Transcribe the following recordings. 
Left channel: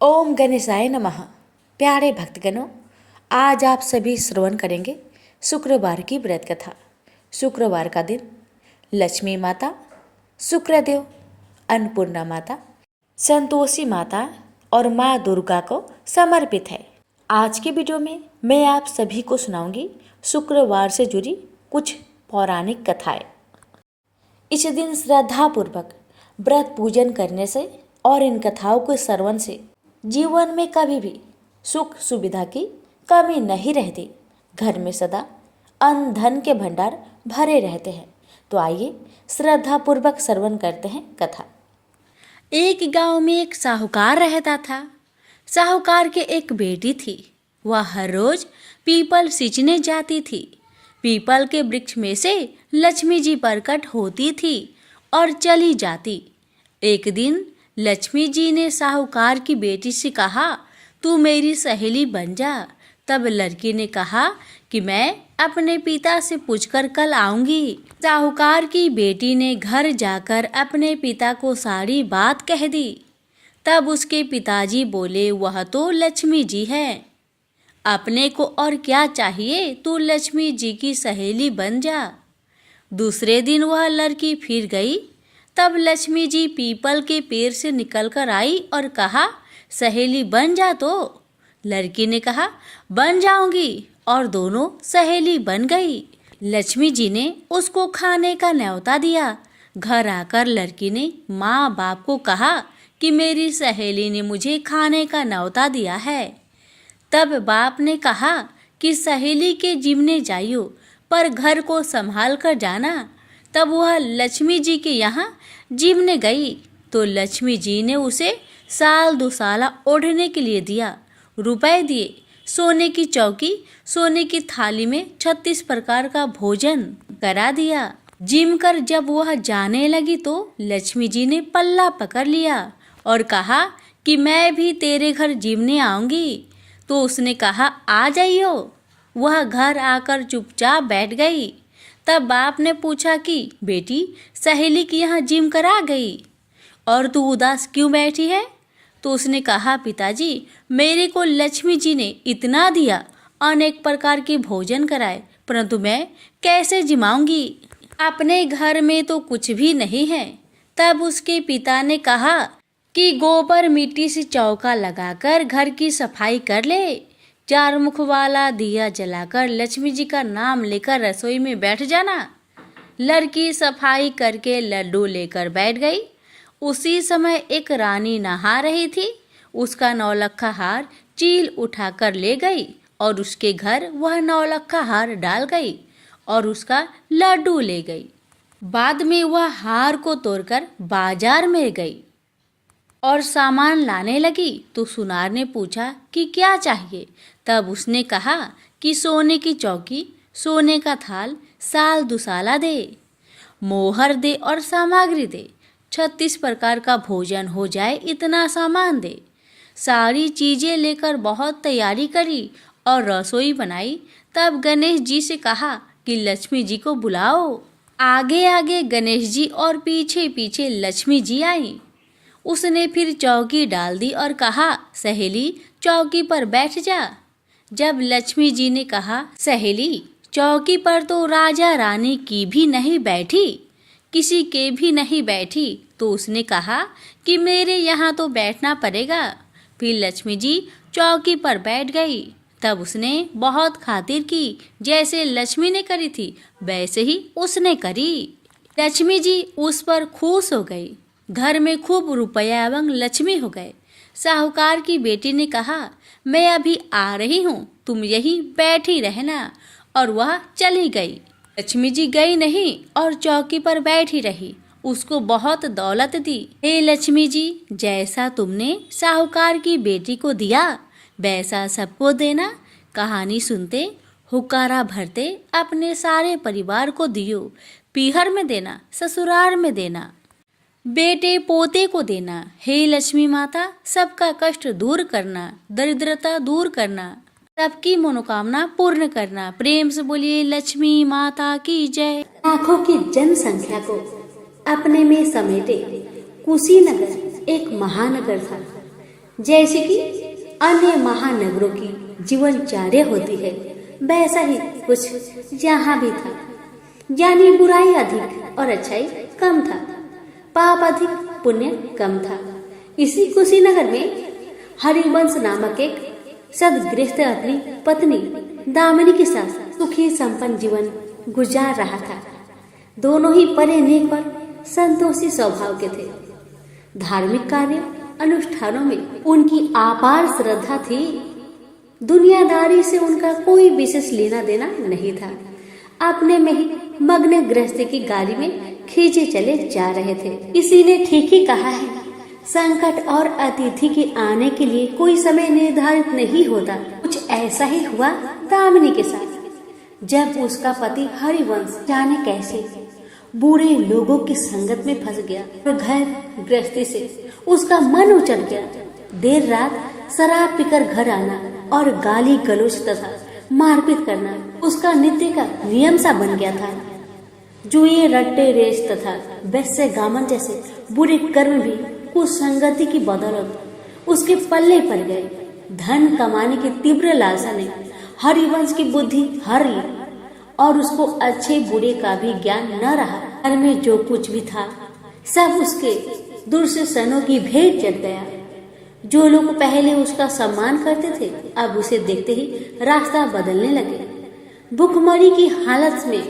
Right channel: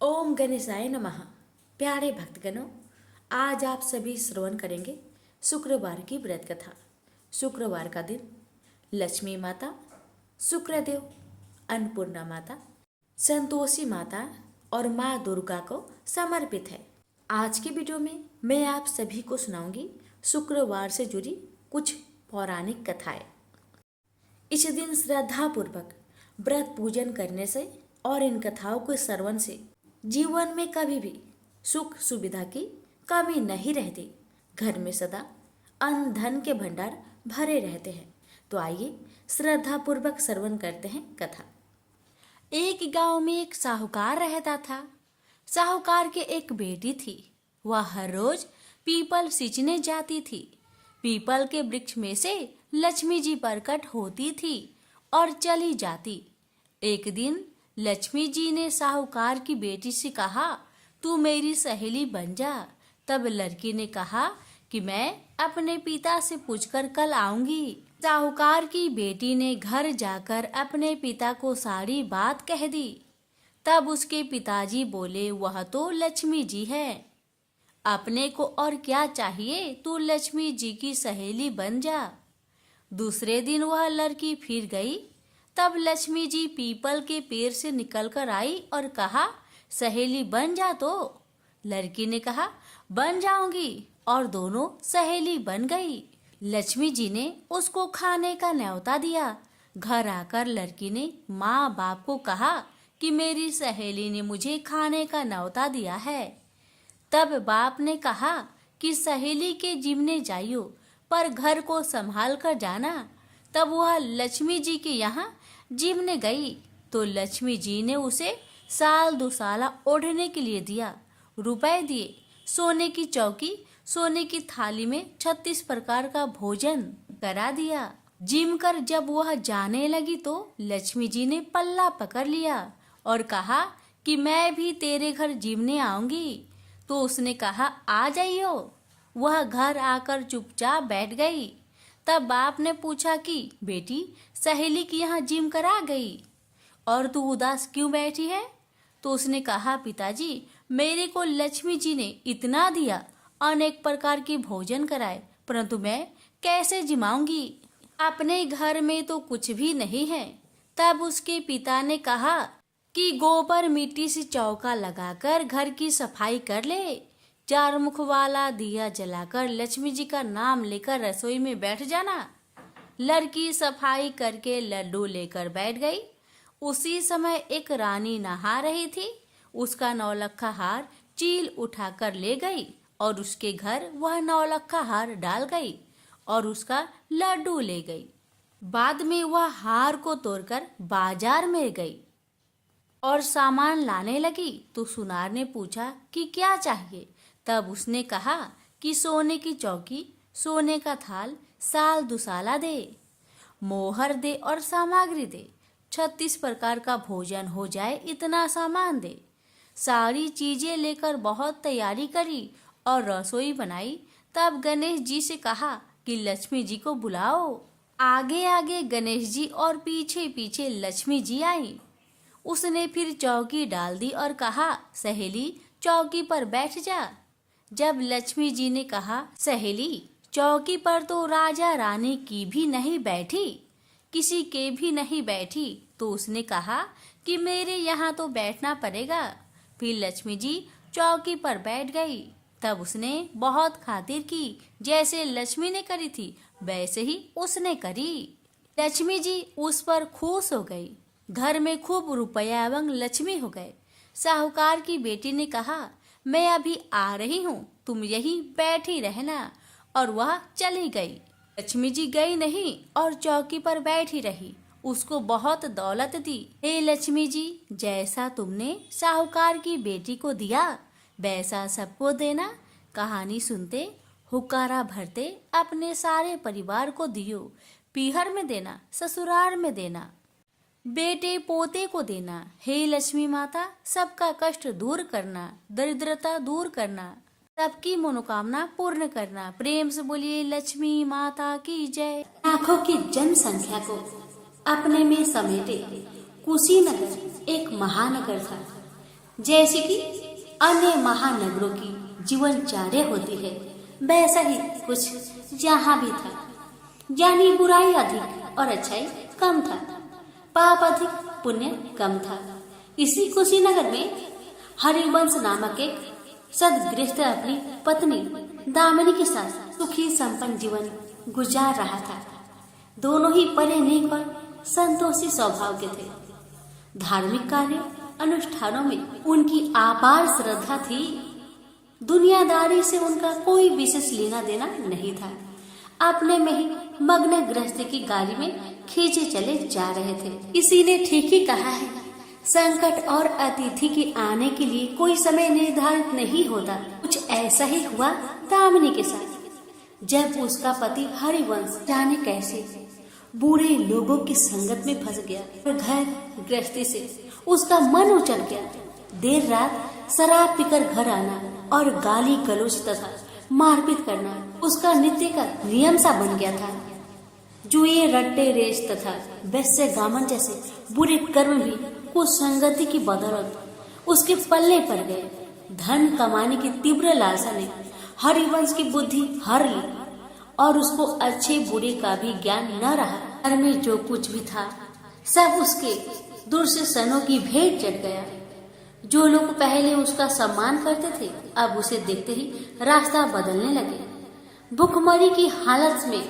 ओम गणेशाय नमः। प्यारे भक्तगणों, आज आप सभी श्रवण करेंगे शुक्रवार की व्रत कथा। शुक्रवार का दिन लक्ष्मी माता, शुक्रदेव, अन्नपूर्णा माता, संतोषी माता और माँ दुर्गा को समर्पित है। आज के वीडियो में मैं आप सभी को सुनाऊंगी शुक्रवार से जुड़ी कुछ पौराणिक कथाएं। इस दिन श्रद्धापूर्वक व्रत पूजन करने से और इन कथाओं के श्रवण से जीवन में कभी भी सुख सुविधा की कमी नहीं रहती। घर में सदा अन्न धन के भंडार भरे रहते हैं। तो आइए श्रद्धापूर्वक श्रवण करते हैं कथा। एक गांव में एक साहूकार रहता था। साहूकार के एक बेटी थी। वह हर रोज पीपल सींचने जाती थी। पीपल के वृक्ष में से लक्ष्मी जी प्रकट होती थी और चली जाती। एक दिन लक्ष्मी जी ने साहूकार की बेटी से कहा, तू मेरी सहेली बन जा। तब लड़की ने कहा कि मैं अपने पिता से पूछकर कल आऊंगी। साहूकार की बेटी ने घर जाकर अपने पिता को सारी बात कह दी। तब उसके पिताजी बोले, वह तो लक्ष्मी जी है, अपने को और क्या चाहिए, तू लक्ष्मी जी की सहेली बन जा। दूसरे दिन वह लड़की फिर गई। तब लक्ष्मी जी पीपल के पेड़ से निकलकर आई और कहा, सहेली बन जा। तो लड़की ने कहा, बन जाऊंगी, और दोनों सहेली बन गई। लक्ष्मी जी ने उसको खाने का न्योता दिया। घर आकर लड़की ने माँ बाप को कहा कि मेरी सहेली ने मुझे खाने का न्योता दिया है। तब बाप ने कहा कि सहेली के जिमने जाइयो, पर घर को संभाल कर जाना। तब वह लक्ष्मी जी के यहाँ जिमने गई तो लक्ष्मी जी ने उसे साल दुसाला ओढ़ने के लिए दिया, रुपए दिए, सोने की चौकी, सोने की थाली में 36 प्रकार का भोजन करा दिया। जिम कर जब वह जाने लगी तो लक्ष्मी जी ने पल्ला पकड़ लिया और कहा कि मैं भी तेरे घर जिमने आऊंगी। तो उसने कहा, आ जाइयो। वह घर आकर चुपचाप बैठ गई। तब बाप ने पूछा कि बेटी, सहेली की यहाँ जिम करा गई और तू उदास क्यों बैठी है? तो उसने कहा, पिताजी, मेरे को लक्ष्मी जी ने इतना दिया, अनेक प्रकार के भोजन कराए, परंतु मैं कैसे जिमाऊंगी? अपने घर में तो कुछ भी नहीं है। तब उसके पिता ने कहा कि गोबर मिट्टी से चौका लगाकर घर की सफाई कर ले। 4 मुख वाला दिया जलाकर लक्ष्मी जी का नाम लेकर रसोई में बैठ जाना। लड़की सफाई करके लड्डू लेकर बैठ गई। उसी समय एक रानी नहा रही थी। उसका नौलखा हार चील उठाकर ले गई और उसके घर वह नौलखा हार डाल गई और उसका लड्डू ले गई। बाद में वह हार को तोड़कर बाजार में गई और सामान लाने लगी तो सुनार ने पूछा कि क्या चाहिए? तब उसने कहा कि सोने की चौकी, सोने का थाल, साल दुसाला दे, मोहर दे और सामग्री दे। 36 प्रकार का भोजन हो जाए इतना सामान दे। सारी चीजें लेकर बहुत तैयारी करी और रसोई बनाई। तब गणेश जी से कहा कि लक्ष्मी जी को बुलाओ। आगे आगे गणेश जी और पीछे पीछे लक्ष्मी जी आई। उसने फिर चौकी डाल दी और कहा, सहेली चौकी पर बैठ जा। जब लक्ष्मी जी ने कहा, सहेली चौकी पर तो राजा रानी की भी नहीं बैठी, किसी के भी नहीं बैठी, तो उसने कहा कि मेरे यहाँ तो बैठना पड़ेगा। फिर लक्ष्मी जी चौकी पर बैठ गई। तब उसने बहुत खातिर की, जैसे लक्ष्मी ने करी थी वैसे ही उसने करी। लक्ष्मी जी उस पर खुश हो गई। घर में खूब रुपया एवं लक्ष्मी हो गए। साहूकार की बेटी ने कहा, मैं अभी आ रही हूँ, तुम यहीं बैठी रहना, और वह चली गई। लक्ष्मी जी गई नहीं और चौकी पर बैठी रही। उसको बहुत दौलत दी। हे लक्ष्मी जी, जैसा तुमने साहूकार की बेटी को दिया वैसा सबको देना। कहानी सुनते हुक्कारा भरते अपने सारे परिवार को दियो। पीहर में देना, ससुराल में देना, बेटे पोते को देना। हे लक्ष्मी माता, सबका कष्ट दूर करना, दरिद्रता दूर करना, सबकी मनोकामना पूर्ण करना। प्रेम से बोलिए लक्ष्मी माता की जय। लाखों की जनसंख्या को अपने में समेटे कुशीनगर एक महानगर था। जैसे कि अन्य महानगरों की जीवनचर्या होती है, वैसा ही कुछ यहाँ भी था। यानी बुराई अधिक और अच्छाई कम था, पाप अधिक पुण्य कम था। इसी कुशीनगर में हरिवंश नामक एक सदगृहस्थ अपनी पत्नी दामिनी के साथ सुखी संपन्न जीवन गुजार रहा था। दोनों ही बड़े नेक और संतोषी स्वभाव के थे। धार्मिक कार्य अनुष्ठानों में उनकी अपार श्रद्धा थी। दुनियादारी से उनका कोई विशेष लेना देना नहीं था। अपने में ही मग्न गृहस्थी की गाड़ी में खींचे चले जा रहे थे। किसी ने ठीक ही कहा है, संकट और अतिथि के आने के लिए कोई समय निर्धारित नहीं होता। कुछ ऐसा ही हुआ दामिनी के साथ। जब उसका पति हरिवंश जाने कैसे बुरे लोगों की संगत में फंस गया, तो घर गृहस्थी से उसका मन उचट गया। देर रात शराब पीकर घर आना और गाली गलौज तथा मारपीट करना उसका नित्य का नियम सा बन गया था। जुए, रट्टे रेस तथा वैश्य गामन जैसे बुरे कर्म भी कुछ संगति की बदौलत उसके पल्ले पड़ गए। धन कमाने की तीव्र लालसा ने हरिवंश की बुद्धि हर ली और उसको अच्छे बुरे का भी ज्ञान न रहा। घर में जो कुछ भी था सब उसके दुर्शनों की भेंट चढ़ गया। जो लोग पहले उसका सम्मान करते थे अब उसे देखते ही रास्ता बदलने लगे। भूखमरी की हालत में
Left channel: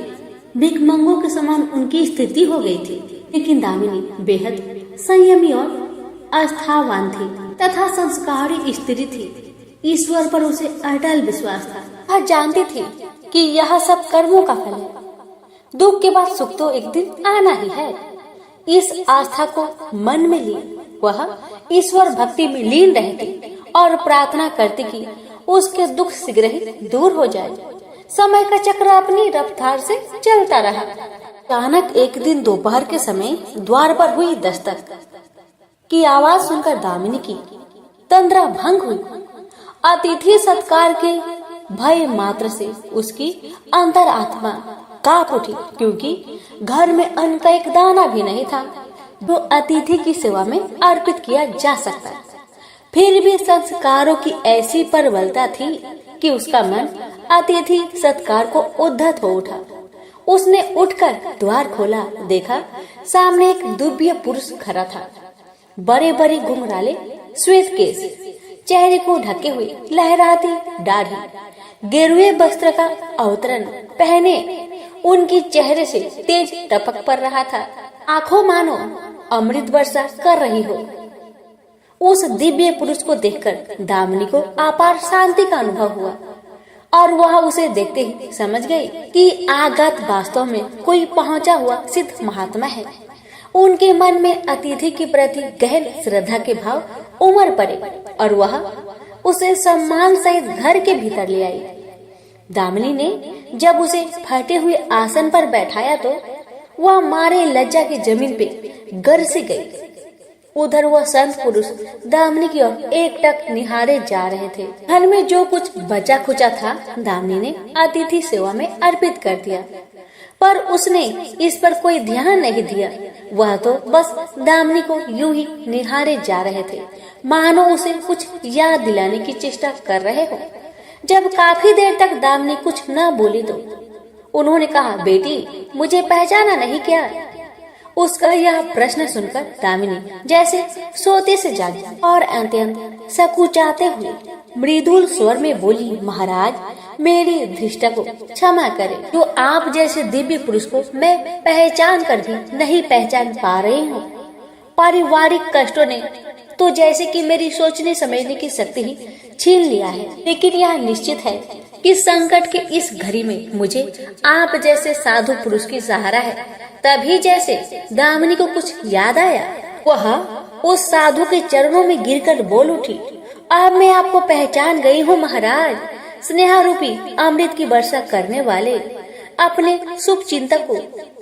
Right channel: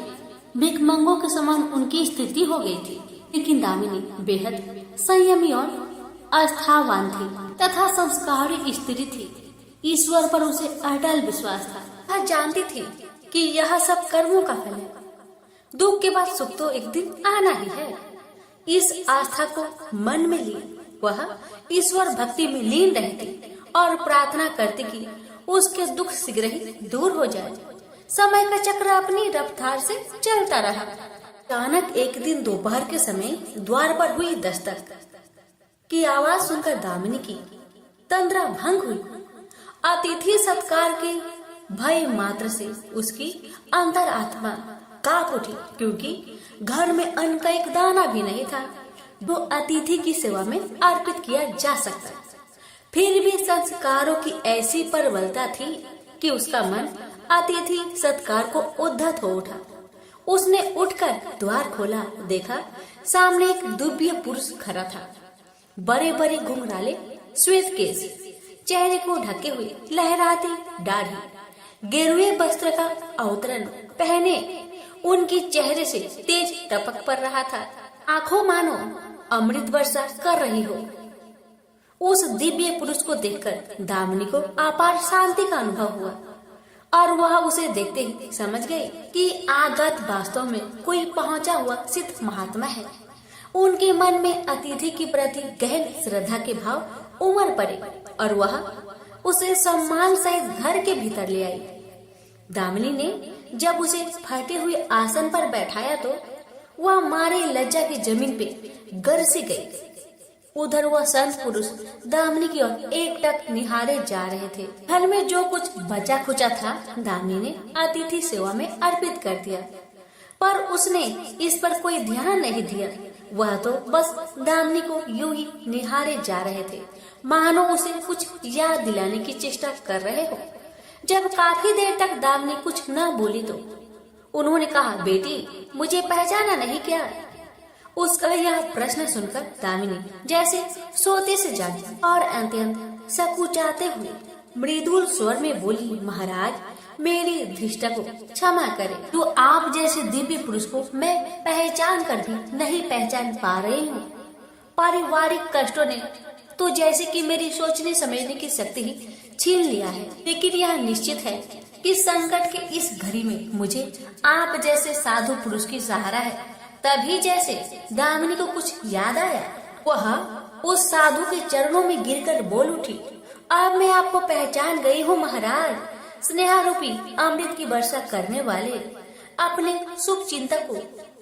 भिखमंगों के समान उनकी स्थिति हो गई थी। लेकिन दामिनी बेहद संयमी और आस्थावान थी तथा संस्कारी स्त्री थी। ईश्वर पर उसे अटल विश्वास था। वह जानती थी कि यह सब कर्मों का फल है। दुख के बाद सुख तो एक दिन आना ही है। इस आस्था को मन में लिए वह ईश्वर भक्ति में लीन रहती और प्रार्थना करती कि उसके दुख शीघ्र ही दूर हो जाए। समय का चक्र अपनी रफ्तार से चलता रहा। अचानक एक दिन दोपहर के समय द्वार पर हुई दस्तक की आवाज सुनकर दामिनी की तंद्रा भंग हुई। अतिथि सत्कार के भय मात्र से उसकी अंतरात्मा कांप उठी, क्योंकि घर में अन्न का एक दाना भी नहीं था जो अतिथि की सेवा में अर्पित किया जा सकता। फिर भी संस्कारों की ऐसी प्रबलता थी कि उसका मन अतिथि सत्कार को उद्धत हो उठा। उसने उठकर द्वार खोला, देखा सामने एक दिव्य पुरुष खड़ा था। बड़े बड़े घुंघराले श्वेत केश, चेहरे को ढके हुए लहराती दाढ़ी, गेरुए वस्त्र का अवतरण पहने उनके चेहरे से तेज टपक पड़ रहा था। आंखों मानो अमृत वर्षा कर रही हो। उस दिव्य पुरुष को देखकर दामिनी को अपार शांति का अनुभव हुआ और वह उसे देखते ही समझ गई कि आगत वास्तव में कोई पहुंचा हुआ सिद्ध महात्मा है। उनके मन में अतिथि के प्रति गहन श्रद्धा के भाव उमड़ पड़े और वह उसे सम्मान सहित घर के भीतर ले आई। दामिनी ने जब उसे फटे हुए आसन पर बैठाया तो वह मारे लज्जा की जमीन पे गिर से गई। उधर वह संत पुरुष दामिनी की ओर एकटक निहारे जा रहे थे। घर में जो कुछ बचा खुचा था दामिनी ने अतिथि सेवा में अर्पित कर दिया, पर उसने इस पर कोई ध्यान नहीं दिया। वह तो बस दामिनी को यूं ही निहारे जा रहे थे, मानो उसे कुछ याद दिलाने की चेष्टा कर रहे हो। जब काफी देर तक दामिनी कुछ न बोली तो उन्होंने कहा, बेटी मुझे पहचाना नहीं क्या? उसका यह प्रश्न सुनकर दामिनी जैसे सोते से जागी और अत्यंत सकुचाते हुए मृदुल स्वर में बोली, महाराज मेरी धृष्टा को क्षमा करें। जो आप जैसे दिव्य पुरुष को मैं पहचान कर भी नहीं पहचान पा रही हूँ। पारिवारिक कष्टों ने तो जैसे कि मेरी सोचने समझने की शक्ति ही छीन लिया है। लेकिन यह निश्चित है कि संकट के इस घड़ी में मुझे आप जैसे साधु पुरुष की सहारा है। तभी जैसे दामिनी को कुछ याद आया, वह उस साधु के चरणों में गिरकर बोल उठी, अब मैं आपको पहचान गई हूँ महाराज। स्नेहा रूपी अमृत की वर्षा करने वाले अपने शुभ चिंतक को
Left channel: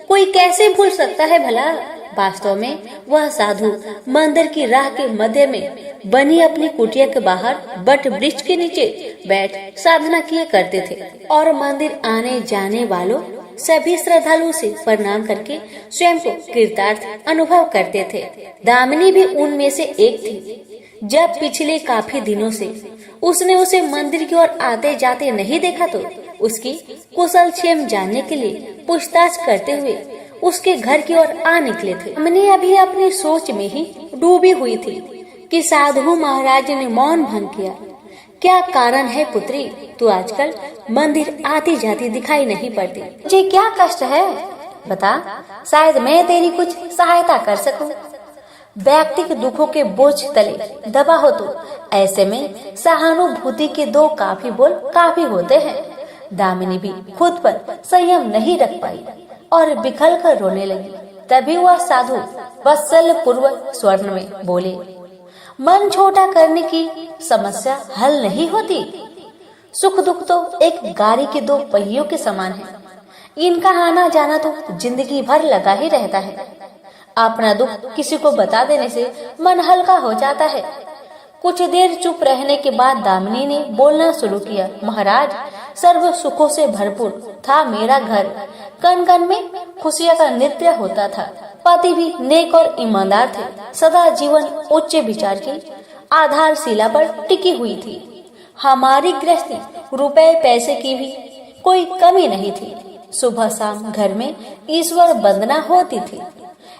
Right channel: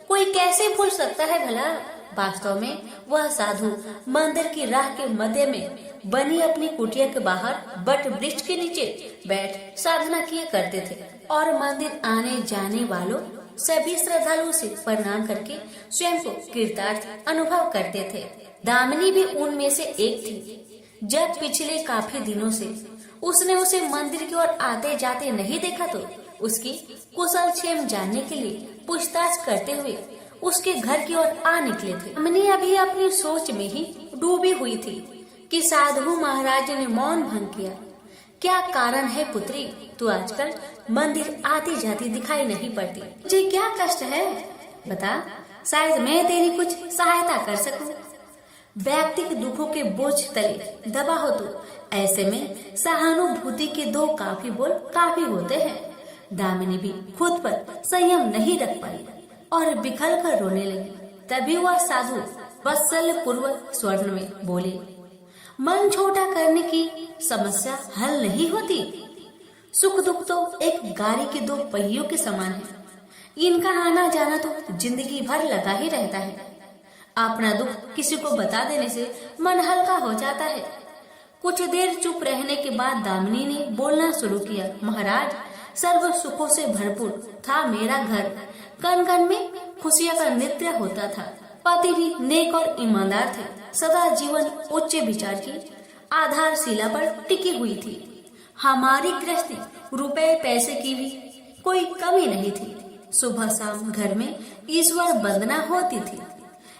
कोई कैसे भूल सकता है भला? वास्तव में वह साधु मंदिर की राह के मध्य में बनी अपनी कुटिया के बाहर बट वृक्ष के नीचे बैठ साधना किए करते थे और मंदिर आने जाने वालों सभी श्रद्धालुओं से प्रणाम करके स्वयं को कृतार्थ अनुभव करते थे। दामिनी भी उनमें से एक थी। जब पिछले काफी दिनों से उसने उसे मंदिर की ओर आते जाते नहीं देखा तो उसकी कुशल क्षेम जानने के लिए पूछताछ करते हुए उसके घर की ओर आ निकले थे। हमने अभी अपनी सोच में ही डूबी हुई थी कि साधु महाराज ने मौन भंग किया। क्या कारण है पुत्री, तू आजकल मंदिर आती जाती दिखाई नहीं पड़ती? मुझे क्या कष्ट है बता, शायद मैं तेरी कुछ सहायता कर सकूं। व्यक्तिगत दुखों के बोझ तले दबा हो तो ऐसे में सहानुभूति के दो काफी बोल काफी होते हैं। दामिनी भी खुद पर संयम नहीं रख पाई और बिखर कर रोने लगी। तभी वह साधु वत्सल पूर्वक स्वर्ण में बोले, मन छोटा करने की समस्या हल नहीं होती। सुख दुख तो एक गाड़ी के दो पहियों के समान है, इनका आना जाना तो जिंदगी भर लगा ही रहता है। अपना दुख किसी को बता देने से मन हल्का हो जाता है। कुछ देर चुप रहने के बाद दामिनी ने बोलना शुरू किया, महाराज, सर्व सुखों से भरपूर था मेरा घर। कण कण में खुशियां का नृत्य होता था। पति भी नेक और ईमानदार थे। सदा जीवन उच्च विचार की आधारशिला पर टिकी हुई थी। हमारी गृहस्थी रुपए पैसे की भी कोई कमी नहीं थी। सुबह शाम घर में ईश्वर वंदना होती थी।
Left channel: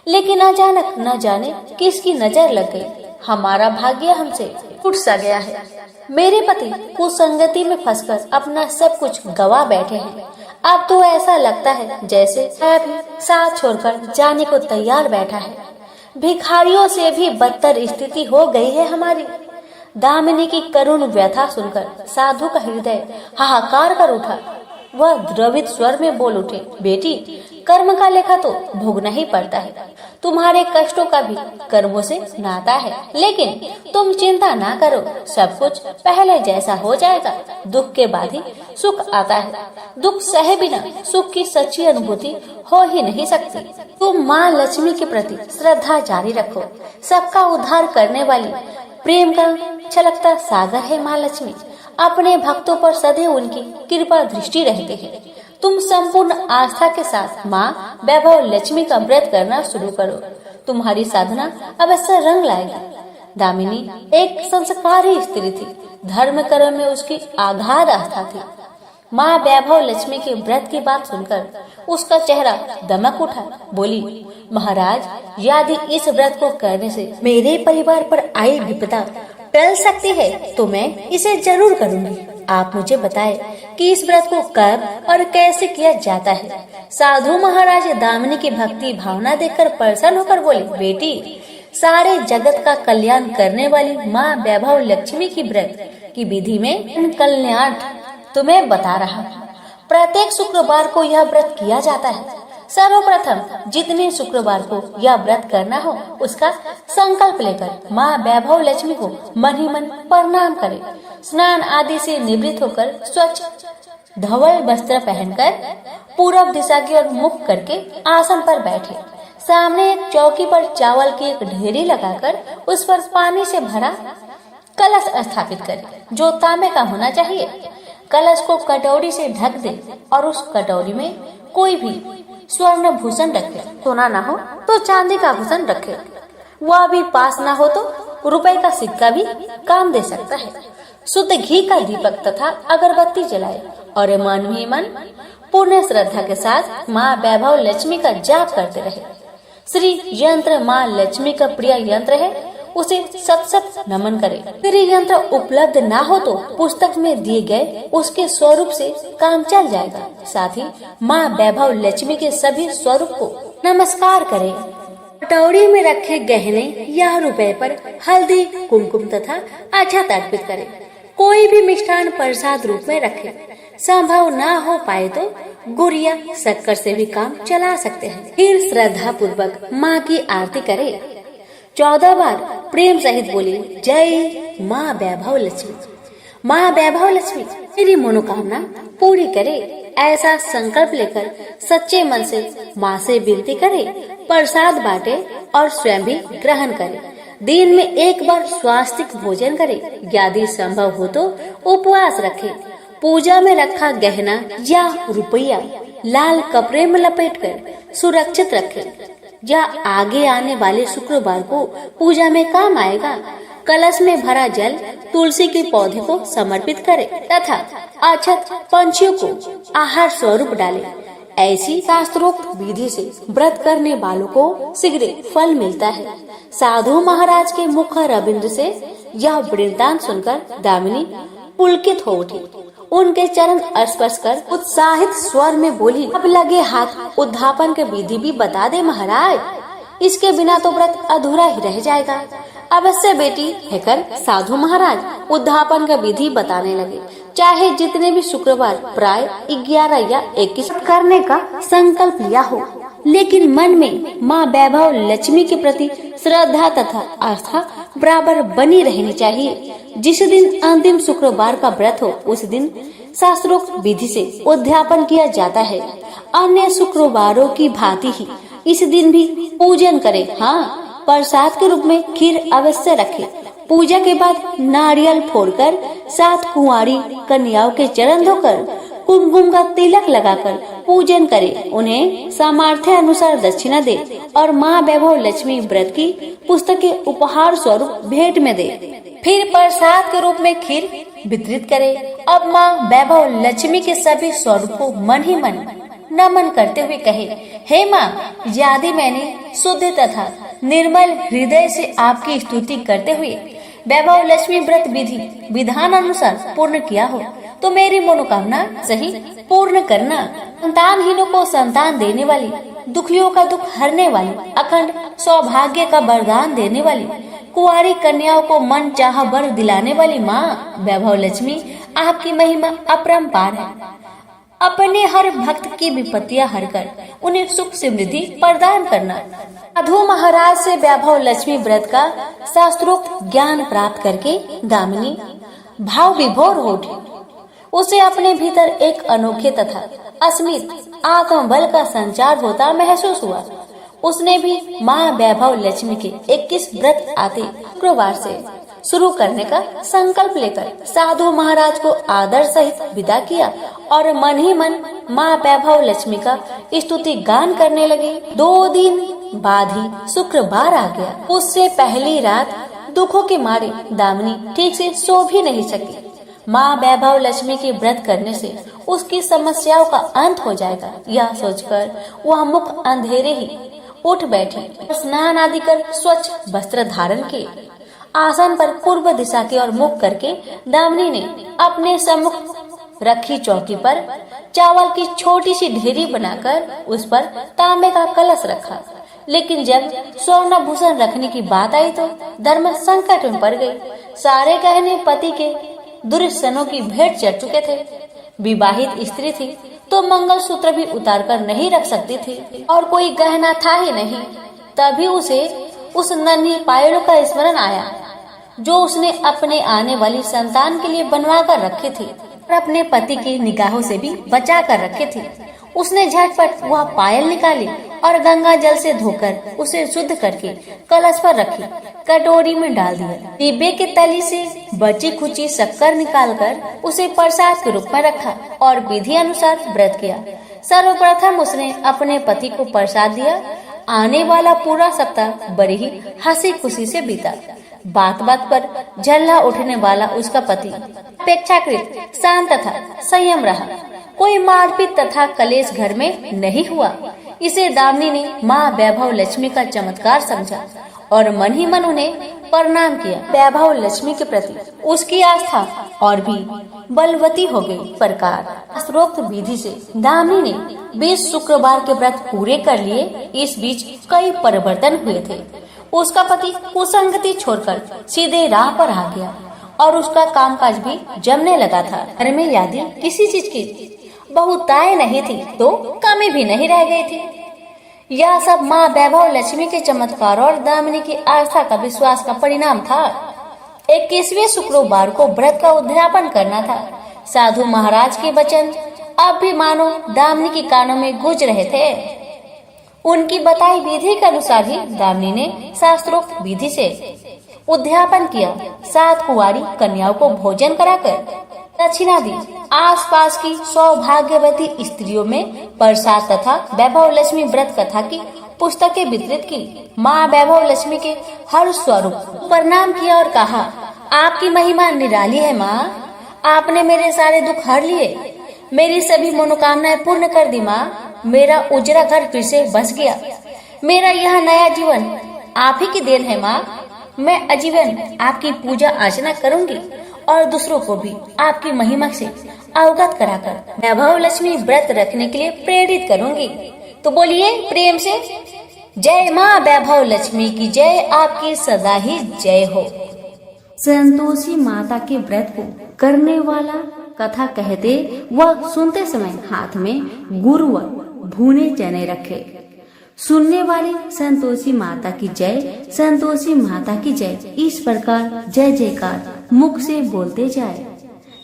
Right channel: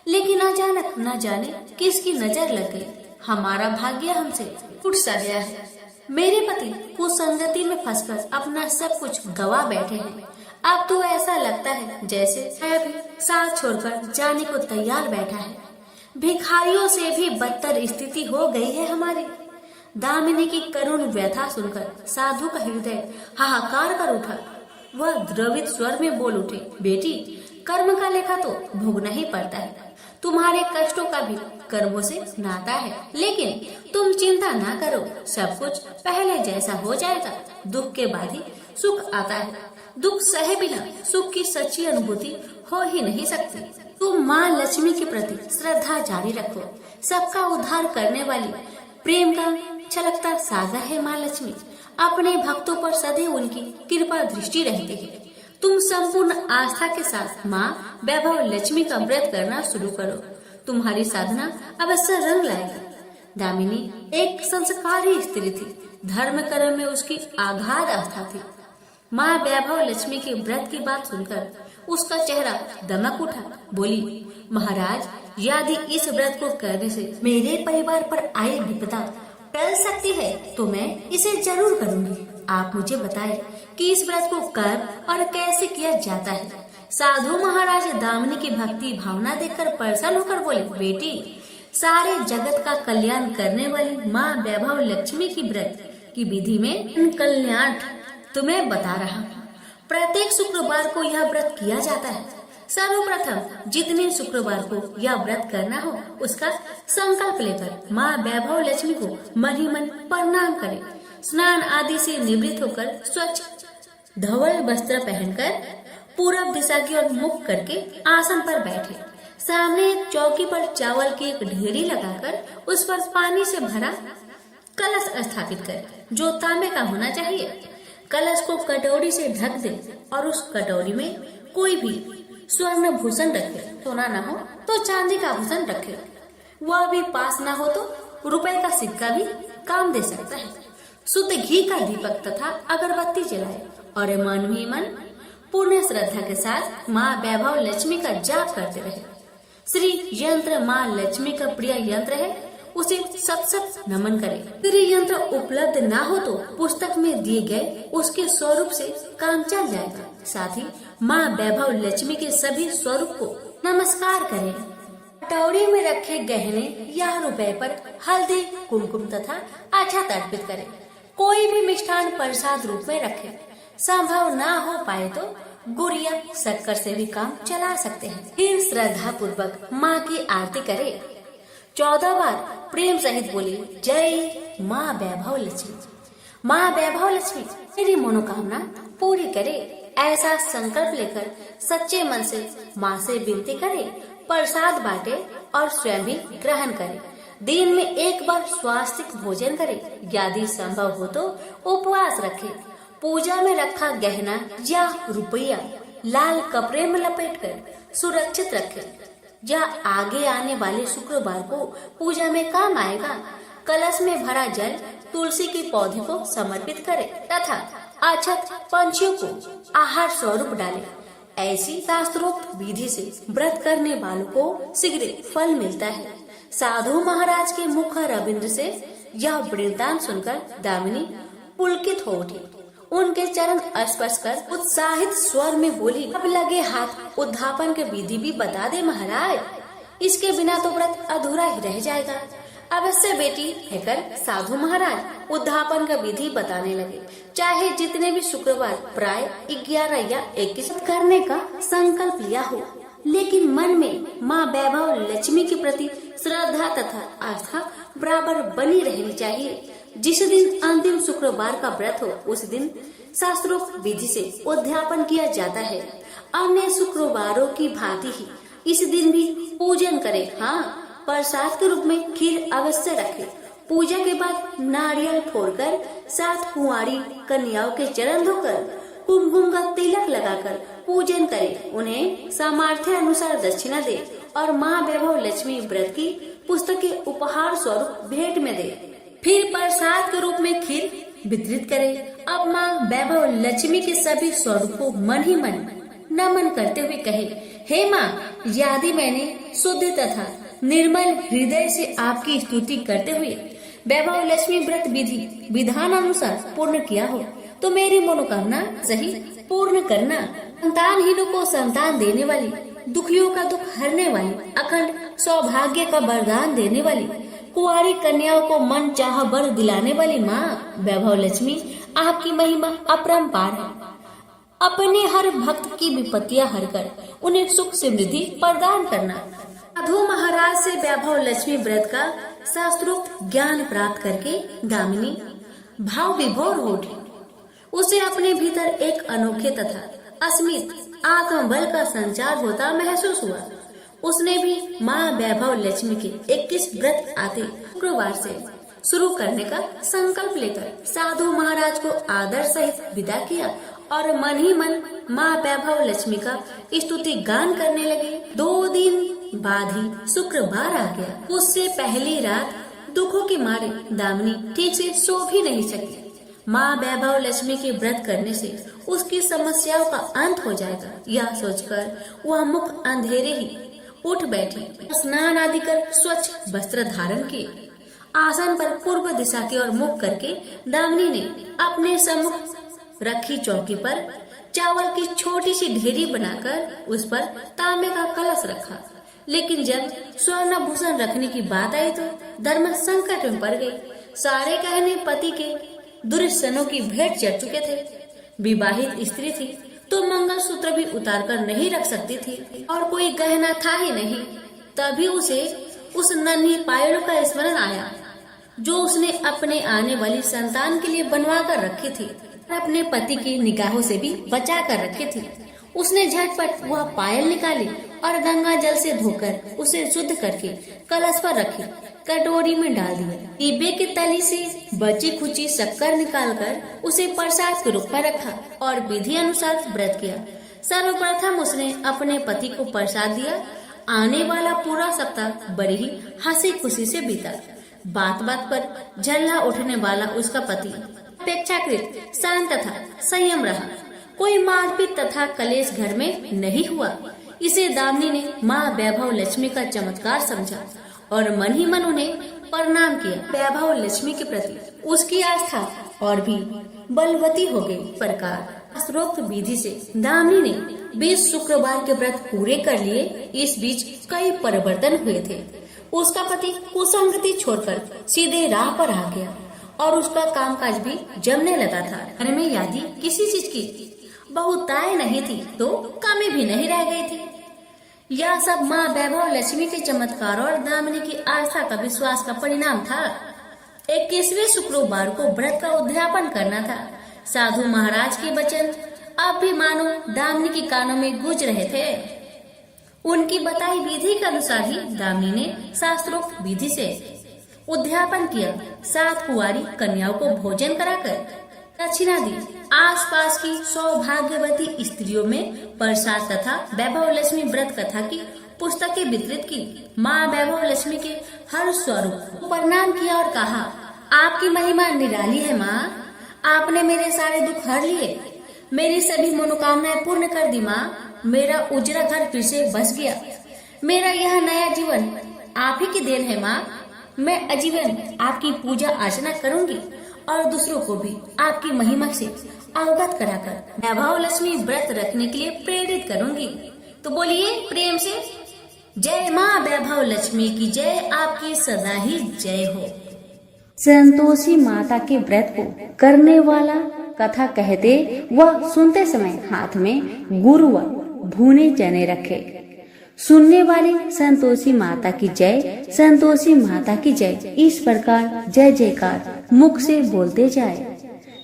लेकिन अचानक न जाने किसकी नजर लग गई। हमारा भाग्य हमसे टूट सा गया है। मेरे पति कुसंगति में फंसकर अपना सब कुछ गवा बैठे हैं। अब तो ऐसा लगता है जैसे वह भी साथ छोड़कर जाने को तैयार बैठा है। भिखारियों से भी बदतर स्थिति हो गई है हमारी। दामिनी की करुण व्यथा सुनकर साधु का हृदय हाहाकार कर उठा। वह द्रवित स्वर में बोल उठे, बेटी, कर्म का लेखा तो भोगना ही पड़ता है। तुम्हारे कष्टों का भी कर्मों से नाता है। लेकिन तुम चिंता ना करो, सब कुछ पहले जैसा हो जाएगा। दुख के बाद ही सुख आता है। दुख सहे बिना सुख की सच्ची अनुभूति हो ही नहीं सकती। तुम माँ लक्ष्मी के प्रति श्रद्धा जारी रखो। सबका उद्धार करने वाली प्रेम का छलकता सागर है माँ लक्ष्मी। अपने भक्तों पर सदैव उनकी कृपा दृष्टि रहती है। तुम संपूर्ण आस्था के साथ माँ वैभव लक्ष्मी का व्रत करना शुरू करो। तुम्हारी साधना अवश्य रंग लाएगी। दामिनी एक संस्कारी स्त्री थी। धर्म कर्म में उसकी आगाध आस्था थी। माँ वैभव लक्ष्मी के व्रत की बात सुनकर उसका चेहरा दमक उठा। बोली, महाराज, यदि इस व्रत को करने से मेरे परिवार पर आई विपदा टल सकती है तो मैं इसे जरूर करूंगी। आप मुझे बताएं कि इस व्रत को कब और कैसे किया जाता है। साधु महाराज दामिनी की भक्ति भावना देखकर प्रसन्न होकर बोले, बेटी, सारे जगत का कल्याण करने वाली माँ वैभव लक्ष्मी की व्रत की विधि में कल्याण तुम्हें बता रहा हूँ। प्रत्येक शुक्रवार को यह व्रत किया जाता है। सर्वप्रथम जितने शुक्रवार को यह व्रत करना हो उसका संकल्प लेकर माँ वैभव लक्ष्मी को मन ही मन प्रणाम करें। स्नान आदि से निवृत्त होकर स्वच्छ धवल वस्त्र पहनकर पूरब दिशा की ओर मुख करके आसन पर बैठे। सामने एक चौकी पर चावल की एक ढेरी लगाकर उस पर पानी से भरा कलश स्थापित करें जो तांबे का होना चाहिए। कलश को कटोरी से ढक दे और उस कटोरी में कोई भी स्वर्ण भूषण रखे। सोना ना हो तो चांदी का भूषण रखे। वह भी पास ना हो तो रुपए का सिक्का भी काम दे सकता है। शुद्ध घी का दीपक तथा अगरबत्ती जलाए और मन ही मन पूर्ण श्रद्धा के साथ माँ वैभव लक्ष्मी का जाप करते रहे। श्री यंत्र माँ लक्ष्मी का प्रिय यंत्र है, उसे सत सत नमन करे। फिर यंत्र उपलब्ध ना हो तो पुस्तक में दिए गए उसके स्वरूप से काम चल जाएगा। साथ ही माँ वैभव लक्ष्मी के सभी स्वरूप को नमस्कार करे। कटोरी में रखे गहने या रुपए पर हल्दी कुमकुम तथा अक्षत अर्पित करे। कोई भी मिष्ठान प्रसाद रूप में रखे। संभव ना हो पाए तो गुड़ या शक्कर से भी काम चला सकते हैं। फिर श्रद्धा पूर्वक माँ की आरती करे। 14 बार प्रेम सहित बोली, जय माँ वैभव लक्ष्मी। माँ वैभव लक्ष्मी मेरी मनोकामना पूरी करे। ऐसा संकल्प लेकर सच्चे मन से माँ से विनती करे। प्रसाद बांटे और स्वयं भी ग्रहण करे। दिन में एक बार स्वास्तिक भोजन करे। यदि संभव हो तो उपवास रखे। पूजा में रखा गहना या रुपया लाल कपड़े में लपेटकर सुरक्षित रखे। यह आगे आने वाले शुक्रवार को पूजा में काम आएगा। कलश में भरा जल तुलसी के पौधे को समर्पित करे तथा अक्षत पंछियों को आहार स्वरूप डाले। ऐसी शास्त्रोक्त विधि से व्रत करने वालों को शीघ्र फल मिलता है। साधु महाराज के मुख रविंद्र से यह वृत्तांत सुनकर दामिनी पुलकित हो उठी। उनके चरण स्पर्श कर उत्साहित स्वर में बोली, अब लगे हाथ उद्धापन के विधि भी बता दे महाराज, इसके बिना तो व्रत अधूरा ही रह जाएगा। अवश्य बेटी कहकर साधु महाराज उद्धापन का विधि बताने लगे। चाहे जितने भी शुक्रवार प्राय 11 या 21 करने का संकल्प लिया हो, लेकिन मन में माँ वैभव लक्ष्मी के प्रति श्रद्धा तथा आस्था बराबर बनी रहनी चाहिए। जिस दिन अंतिम शुक्रवार का व्रत हो, उस दिन शास्त्रोक्त विधि से उद्यापन किया जाता है। अन्य शुक्रवारों की भांति ही इस दिन भी पूजन करें। हाँ, प्रसाद के रूप में खीर अवश्य रखें। पूजा के बाद नारियल फोड़कर 7 कुंवारी कन्याओं के चरण धोकर कुमकुम का तिलक लगाकर पूजन करें। उन्हें सामर्थ्य अनुसार दक्षिणा दे और माँ वैभव लक्ष्मी व्रत की पुस्तकें उपहार स्वरूप भेंट में दे। फिर प्रसाद के रूप में खीर वितरित करे। अब माँ वैभव लक्ष्मी के सभी स्वरूपों मन ही मन नमन करते हुए कहे, हे माँ, यदि मैंने शुद्ध तथा निर्मल हृदय से आपकी स्तुति करते हुए वैभव लक्ष्मी व्रत विधि विधान अनुसार पूर्ण किया हो, तो मेरी मनोकामना सही पूर्ण करना। संतानहीनों को संतान देने वाली, दुखियों का दुख हरने वाली, अखंड सौभाग्य का वरदान देने वाली, कुंवारी कन्याओं को मन चाहा वर दिलाने वाली माँ वैभव लक्ष्मी, आपकी महिमा अपरंपार है। अपने हर भक्त की विपत्तियां हरकर उन्हें सुख समृद्धि प्रदान करना। साधु महाराज से वैभव लक्ष्मी व्रत का शास्त्रोक्त ज्ञान प्राप्त करके दामिनी भाव विभोर हो उठी। उसे अपने भीतर एक अनोखे तथा अस्मित आत्मबल का संचार होता महसूस हुआ। उसने भी माँ वैभव लक्ष्मी के 21 व्रत आते शुक्रवार से शुरू करने का संकल्प लेकर साधु महाराज को आदर सहित विदा किया और मन ही मन माँ वैभव लक्ष्मी का स्तुति गान करने लगे। 2 दिन बाद ही शुक्रवार आ गया। उससे पहली रात दुखों के मारे दामिनी ठीक से सो भी नहीं सकी। माँ वैभव लक्ष्मी के व्रत करने से उसकी समस्याओं का अंत हो जाएगा, यह सोचकर वह मुख अंधेरे ही उठ बैठी। स्नान आदि कर स्वच्छ वस्त्र धारण किए आसन पर पूर्व दिशा की ओर मुख करके दामिनी ने अपने सम्मुख रखी चौकी पर चावल की छोटी सी ढेरी बनाकर उस पर तांबे का कलश रखा। लेकिन जब स्वर्ण भूषण रखने की बात आई तो धर्म संकट में पड़ गई। सारे गहने पति के दुर्सनों की भेंट चढ़ चुके थे। विवाहित स्त्री थी तो मंगल सूत्र भी उतार कर नहीं रख सकती थी और कोई गहना था ही नहीं। तभी उसे उस नन्ही पायलों का स्मरण आया जो उसने अपने आने वाली संतान के लिए बनवा कर रखे थे और अपने पति की निगाहों से भी बचा कर रखे थे। उसने झटपट वह पायल निकाली और गंगा जल से धोकर उसे शुद्ध करके कलश पर रखी, कटोरी में डाल दिया। डिब्बे के तली से बची खुची शक्कर निकालकर उसे प्रसाद के रूप में रखा और विधि अनुसार व्रत किया। सर्वप्रथम उसने अपने पति को प्रसाद दिया। आने वाला पूरा सप्ताह बड़ी ही हंसी खुशी से बीता। बात बात पर झल्ला उठने वाला उसका पति अपेक्षाकृत शांत तथा संयम रहा। कोई मारपीट तथा कलेश घर में नहीं हुआ। इसे दामिनी ने माँ वैभव लक्ष्मी का चमत्कार समझा और मन ही मन उन्हें प्रणाम किया। वैभव लक्ष्मी के प्रति उसकी आस्था और भी बलवती हो गई। प्रकार शास्त्रोक्त विधि से दामिनी ने 20 शुक्रवार के व्रत पूरे कर लिए। इस बीच कई परिवर्तन हुए थे। उसका पति कुसंगति छोड़कर सीधे राह पर आ गया और उसका कामकाज भी जमने लगा था। घर में यदि किसी चीज की बहुतायत नहीं थी तो कमी भी नहीं रह गई थी। यह सब माँ वैभव लक्ष्मी के चमत्कार और दामिनी की आस्था का विश्वास का परिणाम था। 21वें शुक्रवार को व्रत का उद्यापन करना था। साधु महाराज के वचन अब भी मानो दामिनी के कानों में गूंज रहे थे। उनकी बताई विधि के अनुसार ही दामिनी ने शास्त्रोक्त विधि से उद्यापन किया। 7 कुंवारी कन्याओं को भोजन कराकर दक्षिणा दी। आसपास की सौभाग्यवती स्त्रियों में प्रसाद तथा वैभव लक्ष्मी व्रत कथा की पुस्तकें वितरित की। माँ वैभव लक्ष्मी के हर स्वरूप प्रणाम किया और कहा, आपकी महिमा निराली है माँ। आपने मेरे सारे दुख हर लिए, मेरी सभी मनोकामनाएं पूर्ण कर दी माँ। मेरा उजरा घर फिर से बस गया। मेरा यह नया जीवन आप ही की देन है माँ। मैं आजीवन आपकी पूजा अर्चना करूंगी और दूसरों को भी आपकी महिमा से अवगत कराकर वैभव लक्ष्मी व्रत रखने के लिए प्रेरित करूंगी। तो बोलिए प्रेम से, जय माँ वैभव लक्ष्मी की जय, आपकी सदा ही जय हो। संतोषी माता के व्रत को करने वाला कथा कहते वह सुनते समय हाथ में गुड़ व भुने चने रखे। सुनने वाली संतोषी माता की जय, संतोषी माता की जय, इस प्रकार जय जयकार मुख से बोलते जाए।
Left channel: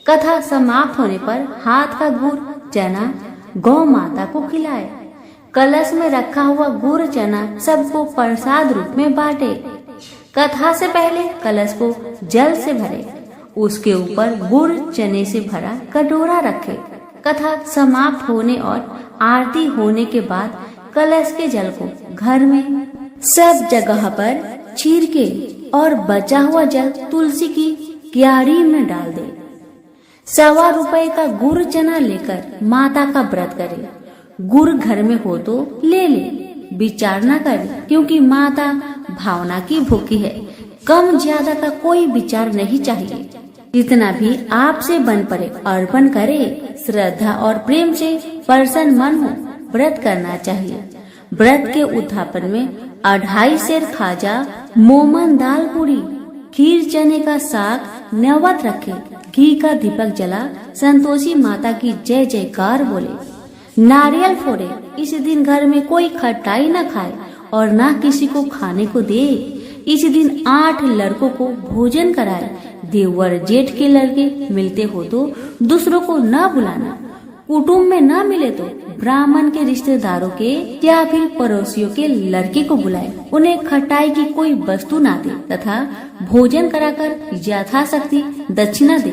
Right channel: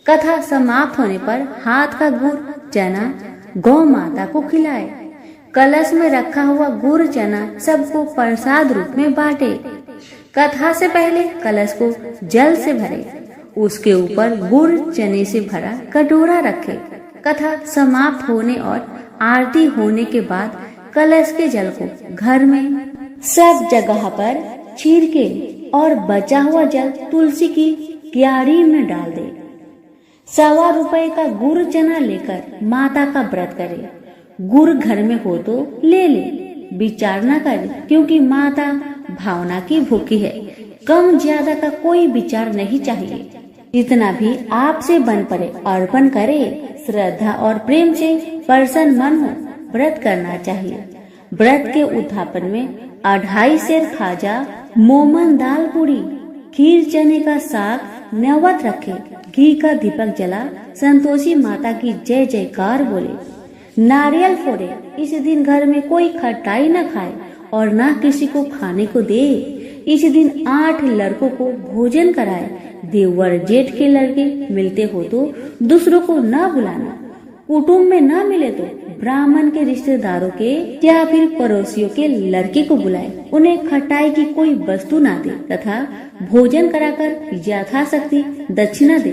कथा समाप्त होने पर हाथ का गुड़ चना गौ माता को खिलाए। कलश में रखा हुआ गुड़ चना सबको प्रसाद रूप में बांटे। कथा से पहले कलश को जल से भरे, उसके ऊपर गुड़ चने से भरा कटोरा रखे। कथा समाप्त होने और आरती होने के बाद कलश के जल को घर में सब जगह पर छिड़के और बचा हुआ जल तुलसी की क्यारी में डाल दे। 1.25 रुपए का गुड़ चना लेकर माता का व्रत करे। गुड़ घर में हो तो ले ले, विचार न करे, क्योंकि माता भावना की भूखी है। कम ज्यादा का कोई विचार नहीं चाहिए। जितना भी आपसे बन पड़े अर्पण करे। श्रद्धा और प्रेम से प्रसन्न मन हो व्रत करना चाहिए। व्रत के उद्यापन में 2.5 सेर खाजा, मोमन दाल पूरी, खीर चने का साग नैवेद्य रखे। घी का दीपक जला संतोषी माता की जय जयकार बोले। नारियल फोड़े। इस दिन घर में कोई खटाई न खाए और न किसी को खाने को दे। इस दिन 8 लड़कों को भोजन कराए। देवर जेठ के लड़के मिलते हो तो दूसरों को न बुलाना। कुटुंब में न मिले तो ब्राह्मण के रिश्तेदारों के या फिर पड़ोसियों के लड़के को बुलाए। उन्हें खटाई की कोई वस्तु ना दे तथा भोजन कराकर यथाशक्ति दक्षिणा दे।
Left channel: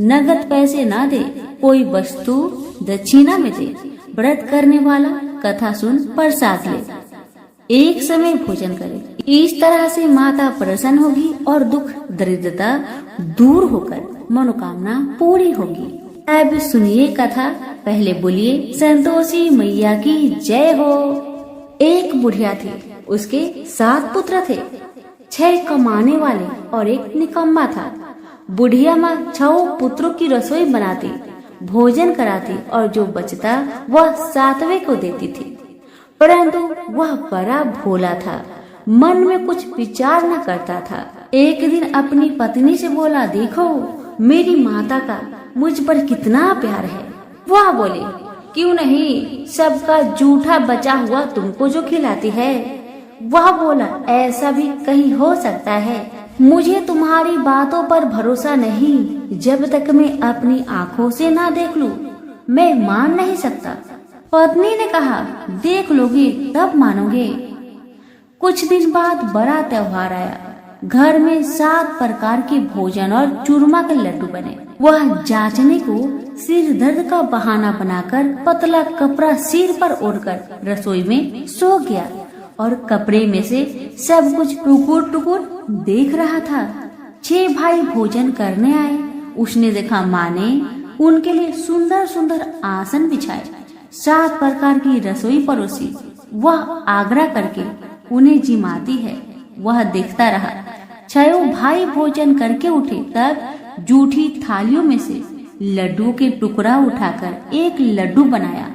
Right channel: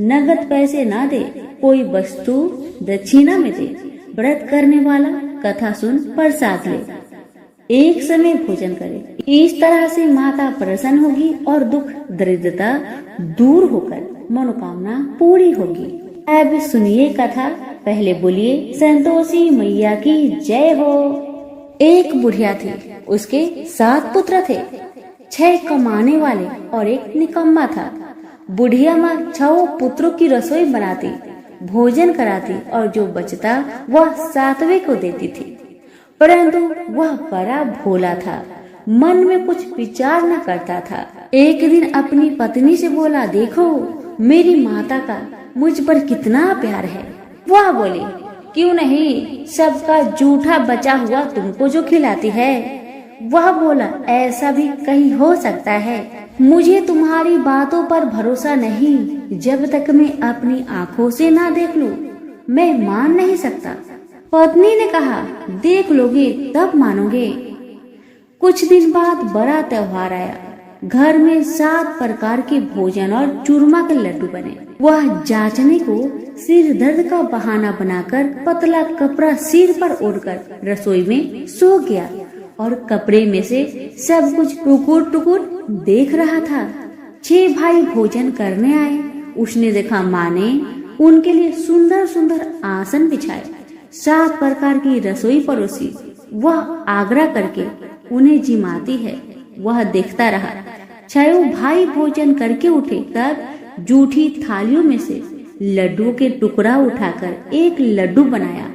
नगद पैसे ना दे, कोई वस्तु दक्षिणा में दे। व्रत करने वाला कथा सुन प्रसाद ले, एक समय भोजन करे। इस तरह से माता प्रसन्न होगी और दुख दरिद्रता दूर होकर मनोकामना पूरी होगी। अब सुनिए कथा। पहले बोलिए संतोषी मैया की जय हो। एक बुढ़िया थी, उसके 7 पुत्र थे। 6 कमाने वाले और एक निकम्मा था। बुढ़िया माँ 6 पुत्रों की रसोई बनाती, भोजन कराती और जो बचता वह 7वें को देती थी। परंतु वह बड़ा भोला था, मन में कुछ विचार न करता था। एक दिन अपनी पत्नी से बोला, देखो मेरी माता का मुझ पर कितना प्यार है। वह बोली, क्यों नहीं, सबका जूठा बचा हुआ तुमको जो खिलाती है। वह बोला, ऐसा भी कहीं हो सकता है। मुझे तुम्हारी बातों पर भरोसा नहीं। जब तक मैं अपनी आँखों से ना देख लूं, मैं मान नहीं सकता। पत्नी ने कहा, देख लोगे तब मानोगे। कुछ दिन बाद बड़ा त्योहार आया। घर में 7 प्रकार के भोजन और चूरमा के लड्डू बने। वह जांचने को सिर दर्द का बहाना बनाकर पतला कपड़ा सिर पर ओढ़कर रसोई में सो गया और कपड़े में से सब कुछ टुकुर टुकुर देख रहा था। 6 भाई भोजन करने आए। उसने देखा माँ ने उनके लिए सुंदर सुंदर आसन बिछाए, 7 प्रकार की रसोई परोसी। वह आग्रह करके उन्हें जिमाती है। वह देखता रहा। 6 भाई भोजन करके उठे, तब जूठी थालियों में से लड्डू के टुकड़ा उठाकर एक लड्डू बनाया।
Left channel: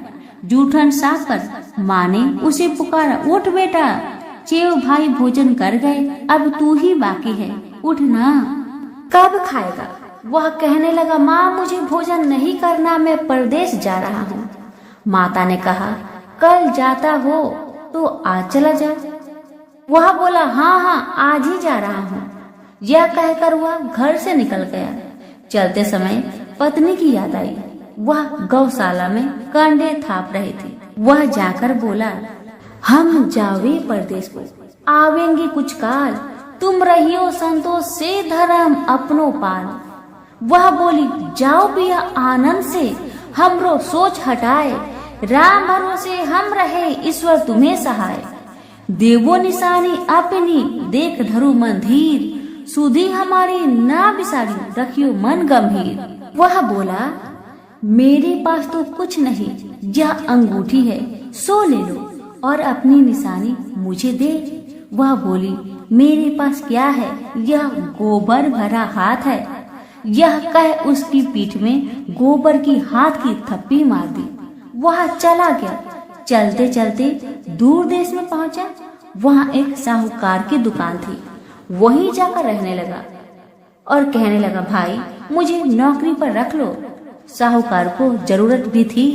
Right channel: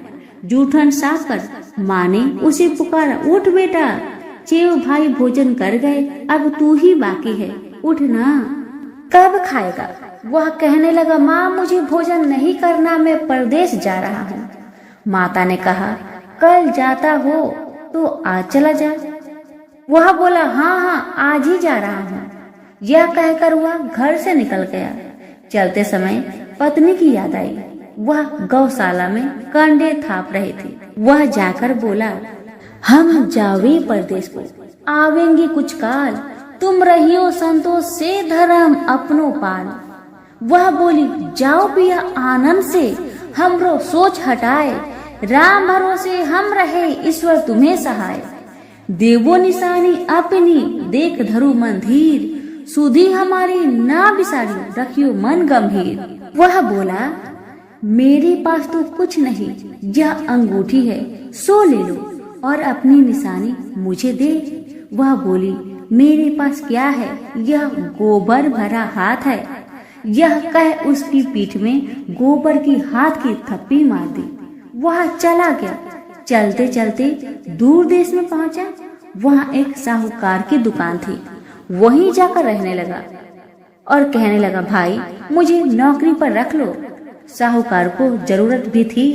जूठन साफ कर माँ ने उसे पुकारा, उठ बेटा, 6 भाई भोजन कर गए, अब तू ही बाकी है, उठ ना। कब खाएगा? वह कहने लगा, माँ मुझे भोजन नहीं करना, मैं परदेश जा रहा हूँ। माता ने कहा, कल जाता हो तो आज चला जा। वह बोला, हाँ हाँ आज ही जा रहा हूँ। यह कहकर वह घर से निकल गया। चलते समय पत्नी की याद आई। वह गौशाला में कंडे थाप रही थी। वह जाकर बोला, हम जावे परदेश को, आवेंगे कुछ काल, तुम रहियो संतोष से धर्म अपनो पाल। वह बोली, जाओ पिया आनंद से, हमरो सोच हटाए, राम भरोसे हम रहे, ईश्वर तुम्हें सहाय। देवो निशानी अपनी देख धरु मन धीर, सुधी हमारी ना बिसारियो रखियो मन गंभीर। वह बोला, मेरे पास तो कुछ नहीं, यह अंगूठी है, सो ले लो और अपनी निशानी मुझे दे। वह बोली, मेरे पास क्या है, यह गोबर भरा हाथ है। यह कह उसकी पीठ में गोबर की हाथ की थप्पी मार दी। वह चला गया। चलते चलते दूर देश में पहुंचा। वहाँ एक साहूकार की दुकान थी। वहीं जाकर रहने लगा और कहने लगा, भाई मुझे नौकरी पर रख लो। साहूकार को जरूरत भी थी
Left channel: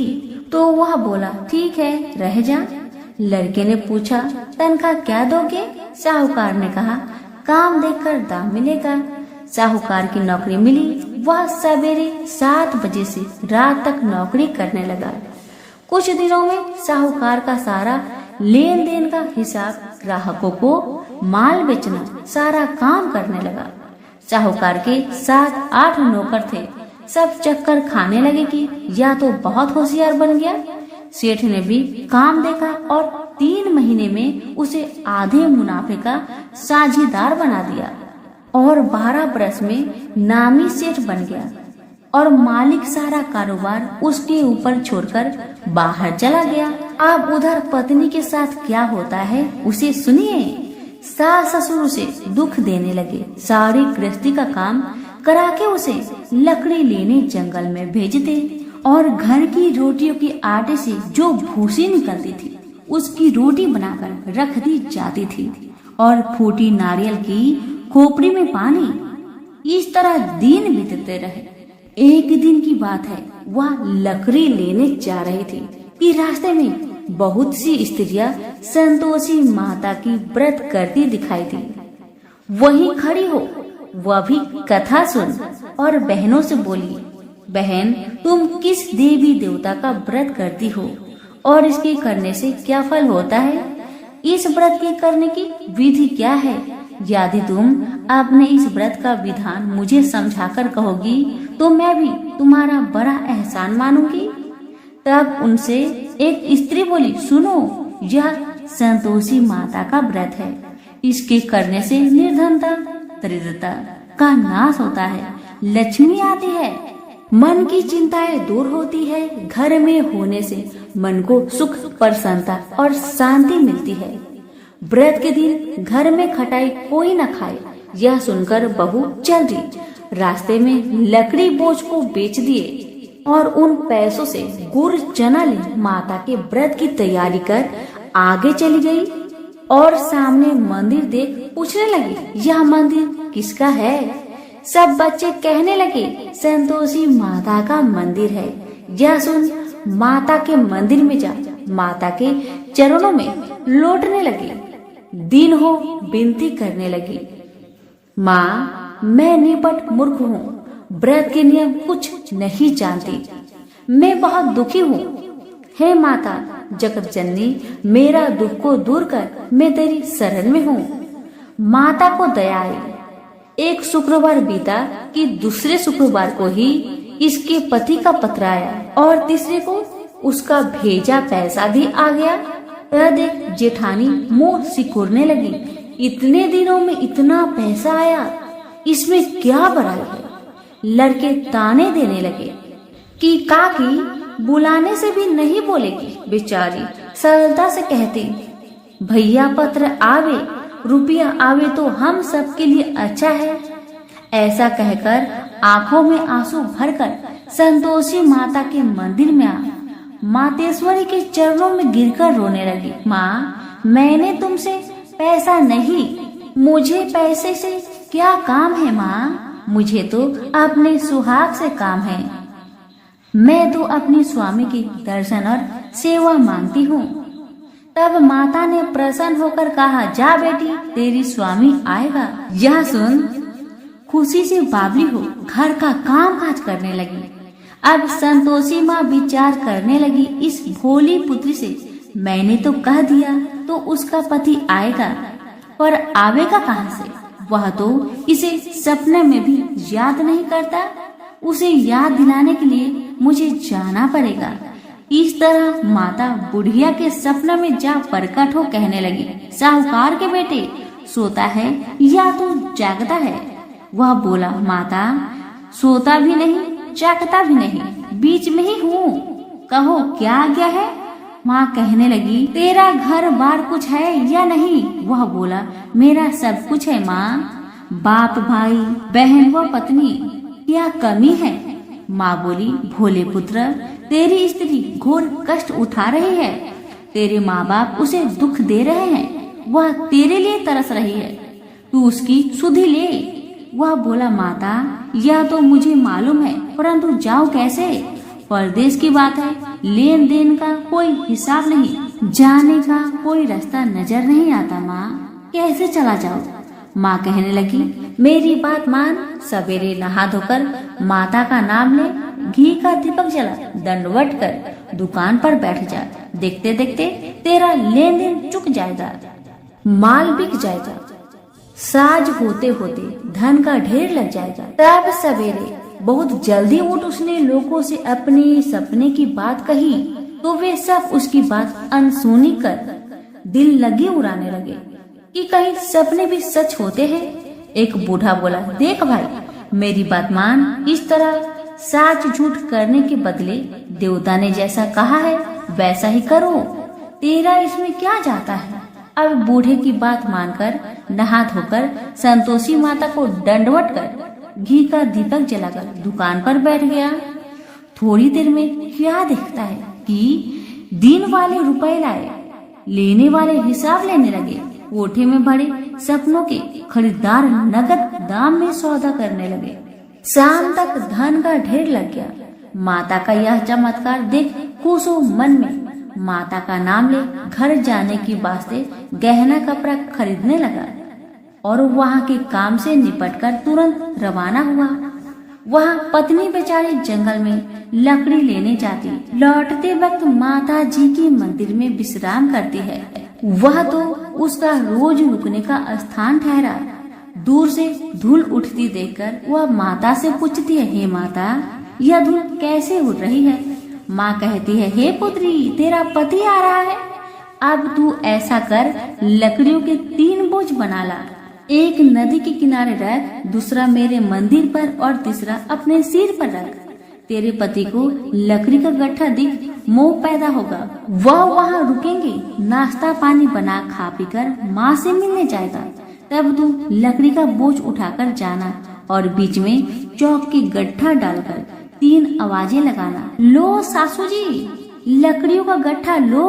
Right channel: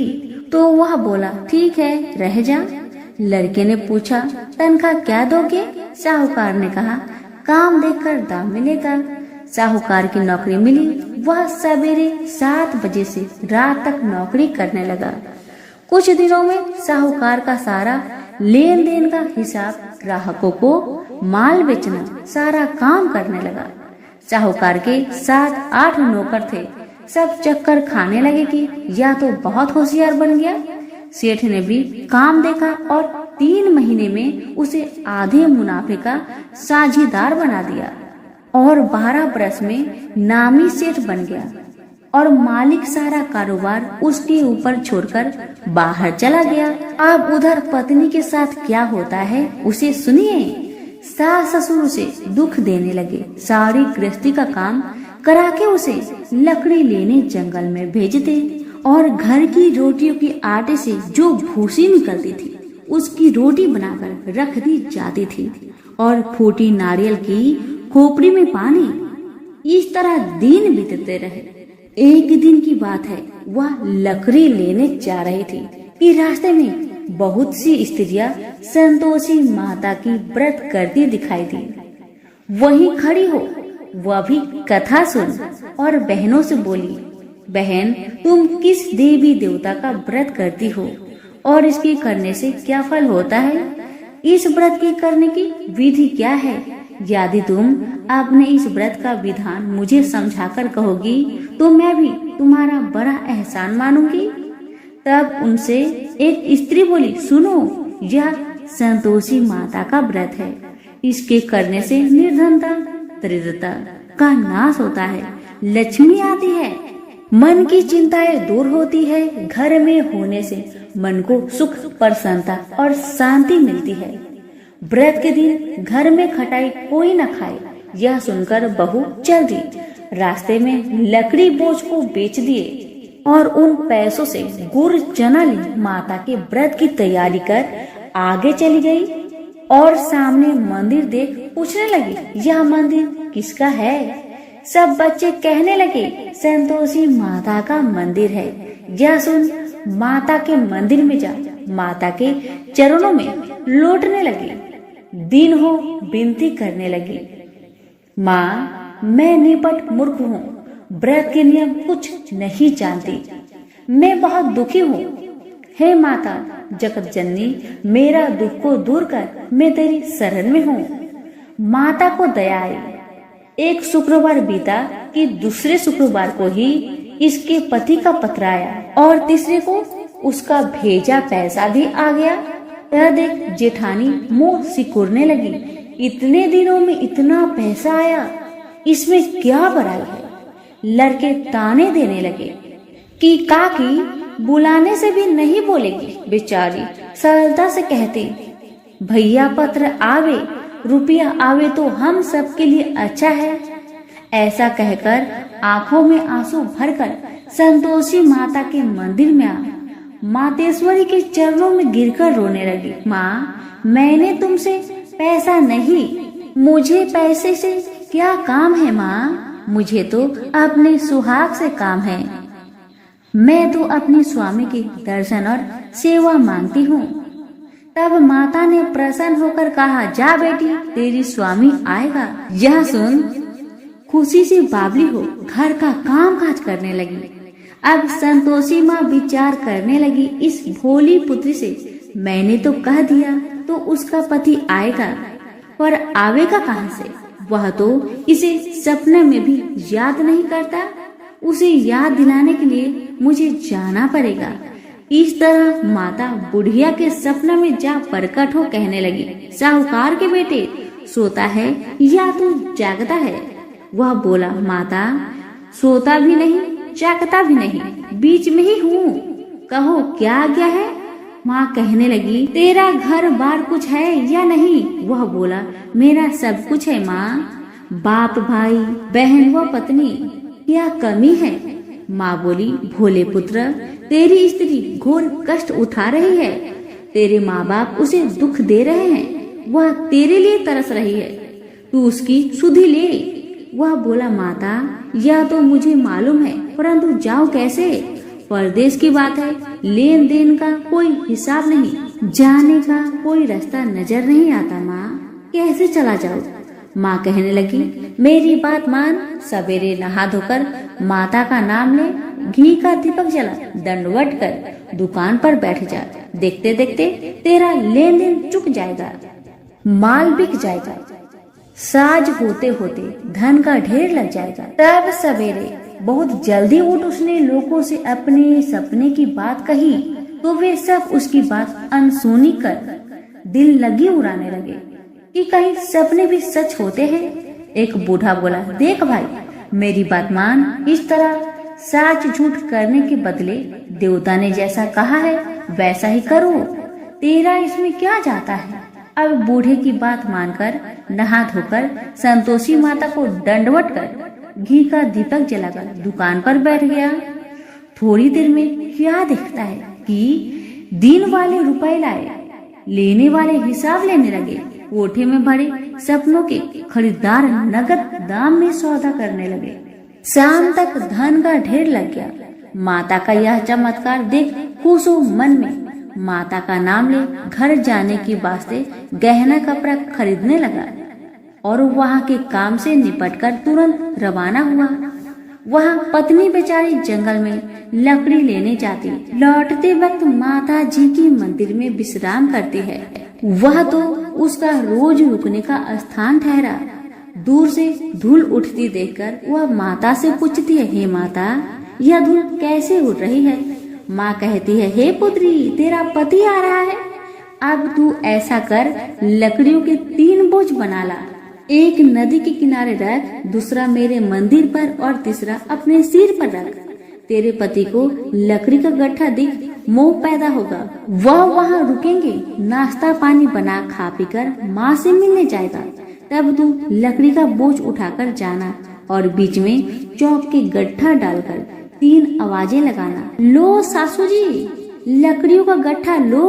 तो वह बोला, ठीक है रह जा। लड़के ने पूछा, तनख्वाह क्या दोगे? साहूकार ने कहा, काम देखकर दाम मिलेगा। साहूकार की नौकरी मिली। वह सवेरे 7 बजे से रात तक नौकरी करने लगा। कुछ दिनों में साहूकार का सारा लेन देन का हिसाब, ग्राहकों को माल बेचना, सारा काम करने लगा। साहूकार के 7-8 नौकर थे। सब चक्कर खाने लगे कि या तो बहुत होशियार बन गया। सेठ ने भी काम देखा और 3 महीने में उसे आधे मुनाफे का साझेदार बना दिया और 12 बरस में नामी सेठ बन गया और मालिक सारा कारोबार उसके ऊपर छोड़कर बाहर चला गया। अब उधर पत्नी के साथ क्या होता है उसे सुनिए। सास ससुर उसे दुख देने लगे। सारी गृहस्थी का काम करा के उसे लकड़ी लेने जंगल में भेजते और घर की रोटियों की आटे से जो भूसी निकलती थी उसकी रोटी बनाकर रख दी जाती थी और फूटी नारियल की खोपड़ी में पानी। इस तरह दिन बीतते रहे। एक दिन की बात है, वह लकड़ी लेने जा रही थी कि रास्ते में बहुत सी स्त्रियां संतोषी माता की व्रत करती दिखाई दी। वहीं खड़ी हो वह भी कथा सुन और बहनों से बोली, बहन तुम किस देवी देवता का व्रत करती हो और इसके करने से क्या फल होता है? इस व्रत के करने की विधि क्या है? यदि तुम अपने इस व्रत का विधान मुझे समझाकर कहोगी तो मैं भी तुम्हारा बड़ा एहसान मानूंगी। तब उनसे एक स्त्री बोली, सुनो, यह संतोषी माता का व्रत है। इसके करने से निर्धनता, दरिद्रता का नाश होता है, लक्ष्मी आती है, मन की चिंताएं दूर होती है, घर में होने से मन को सुख, प्रसन्नता और शांति मिलती है। व्रत के दिन घर में खटाई कोई न खाए। यह सुनकर बहू चल दी। रास्ते में लकड़ी बोझ को बेच दिए और उन पैसों से गुड़ चना ले माता के व्रत की तैयारी कर आगे चली गई और सामने मंदिर देख पूछने लगी, यह मंदिर किसका है? सब बच्चे कहने लगे, संतोषी माता का मंदिर है। यह सुन माता के मंदिर में जा माता के चरणों में लौटने लगी। दिन हो विनती करने लगी, माँ मैं निपट मूर्ख हूँ, व्रत के नियम कुछ नहीं जानती, मैं बहुत दुखी हूँ। हे माता जगत जननी, मेरा दुख को दूर कर, मैं तेरी शरण में हूँ। माता को दया आई। एक शुक्रवार बीता कि दूसरे शुक्रवार को ही इसके पति का पत्र आया और तीसरे को उसका भेजा पैसा भी आ गया। यह देख जेठानी मुंह सिकुड़ने लगी, इतने दिनों में इतना पैसा आया, इसमें क्या बड़ाई है? लड़के ताने देने लगे कि काकी बुलाने से भी नहीं बोलेगी। बेचारी सरलता से कहती, भैया पत्र आवे, रुपया आवे तो हम सबके लिए अच्छा है। ऐसा कहकर आंखों में आंसू भरकर संतोषी माता के मंदिर में आ मातेश्वरी के चरणों में गिरकर रोने लगी। माँ मैंने तुमसे पैसा नहीं, मुझे पैसे से क्या काम है माँ, मुझे तो अपने सुहाग से काम है। मैं तो अपने स्वामी के दर्शन और सेवा मांगती हूँ। तब माता ने प्रसन्न होकर कहा, जा बेटी तेरी स्वामी आएगा। यह सुन खुशी से बावली हो घर का काम काज करने लगी। अब संतोषी माँ विचार करने लगी, इस भोली पुत्री से मैंने तो कह दिया तो उसका पति आएगा, पर आवेगा कहाँ से? वह तो इसे सपने में भी याद नहीं करता। उसे याद दिलाने के लिए मुझे जाना पड़ेगा। इस तरह माता बुढ़िया के सपना में जा प्रकट हो कहने लगी, साहूकार के बेटे, सोता है या तू जागता है? वह बोला, माता सोता भी नहीं जागता भी नहीं, बीच में ही हूँ, कहो क्या आज्ञा है? माँ कहने लगी, तेरा घर बार कुछ है या नहीं? वह बोला, मेरा सब कुछ है माँ, बाप भाई बहन व पत्नी, क्या कमी है? माँ बोली, भोले पुत्र, तेरी स्त्री घोर कष्ट उठा रही है, तेरे माँ बाप उसे दुख दे रहे हैं, वह तेरे लिए तरस रही है, तू उसकी सुधि ले। वह बोला, माता यह तो मुझे मालूम है, परंतु जाऊं कैसे? परदेश की बात है, लेन देन का कोई हिसाब नहीं, जाने का कोई रास्ता नजर नहीं आता माँ, कैसे चला जाऊं? माँ कहने लगी, मेरी बात मान, सवेरे नहा धोकर माता का नाम ले, घी का दीपक जला, दंडवत कर दुकान पर बैठ जा, देखते देखते तेरा लेन देन चुक जाएगा, माल बिक जाएगा, साज होते होते धन का ढेर लग जाएगा। तब सवेरे बहुत जल्दी उठ उसने लोगों से अपने सपने की बात कही, तो वे सब उसकी बात अनसुनी कर दिल लगी उड़ाने लगे कि कहीं सपने भी सच होते हैं। एक बूढ़ा बोला, देख भाई मेरी बात मान, इस तरह साच झूठ करने के बदले देवता ने जैसा कहा है वैसा ही करो, तेरा इसमें क्या जाता है? अब बूढ़े की बात मानकर नहा धोकर संतोषी माता को दंडवत कर घी का दीपक जलाकर दुकान पर बैठ गया। थोड़ी देर में क्या देखता है कि दिन वाले रुपए लाए, लेने वाले हिसाब लेने लगे, कोठे में भरे सपनों के खरीदार नगद दाम में सौदा करने लगे। शाम तक धन का ढेर लग गया। माता का यह चमत्कार देख खुश हो मन में माता का नाम ले घर जाने की वास्ते गहना कपड़ा खरीदने लगा और वहाँ के काम से निपटकर तुरंत रवाना हुआ। वहाँ पत्नी बेचारी जंगल में लकड़ी लेने जाती, लौटते वक्त माता जी की मंदिर में विश्राम करती है। वह तो उसका रोज रुकने का स्थान ठहरा। दूर से धूल उठती देखकर वह माता से पूछती है, हे माता यह धूल कैसे उड़ रही है? माँ कहती है, हे पुत्री तेरा पति आ रहा है, अब तू ऐसा कर लकड़ियों के 3 बोझ बना ला, एक नदी के किनारे रख, दूसरा मेरे मंदिर पर और तीसरा अपने सिर पर रख। तेरे पति को लकड़ी का गट्ठा दिख मोह पैदा होगा, वह वहाँ रुकेंगे, नाश्ता पानी बना खा पीकर माँ से मिलने जाएगा। तब तू लकड़ी का बोझ उठाकर जाना और बीच में चौक के गट्ठा डालकर 3 आवाजें लगाना, लो सासू जी लकड़ियों का गट्ठा लो,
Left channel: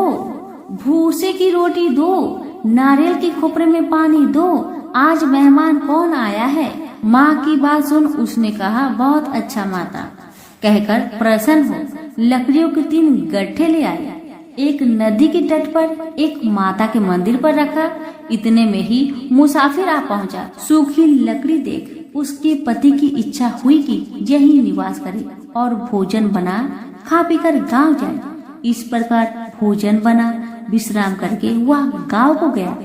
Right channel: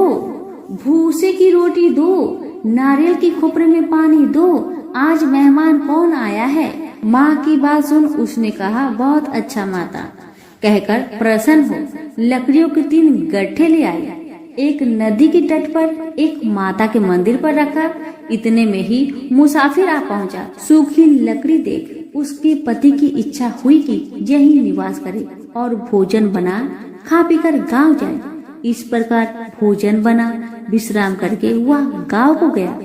भूसे की रोटी दो, नारियल के खोपरे में पानी दो, आज मेहमान कौन आया है? माँ की बात सुन उसने कहा, बहुत अच्छा माता, कहकर प्रसन्न हो लकड़ियों के 3 गट्ठे ले आई, एक नदी के तट पर, एक माता के मंदिर पर रखा। इतने में ही मुसाफिर आ पहुंचा। सूखी लकड़ी देख उसके पति की इच्छा हुई कि यही निवास करे और भोजन बना खा पीकर गांव जाए। इस प्रकार भोजन बना विश्राम करके वह गांव को गया।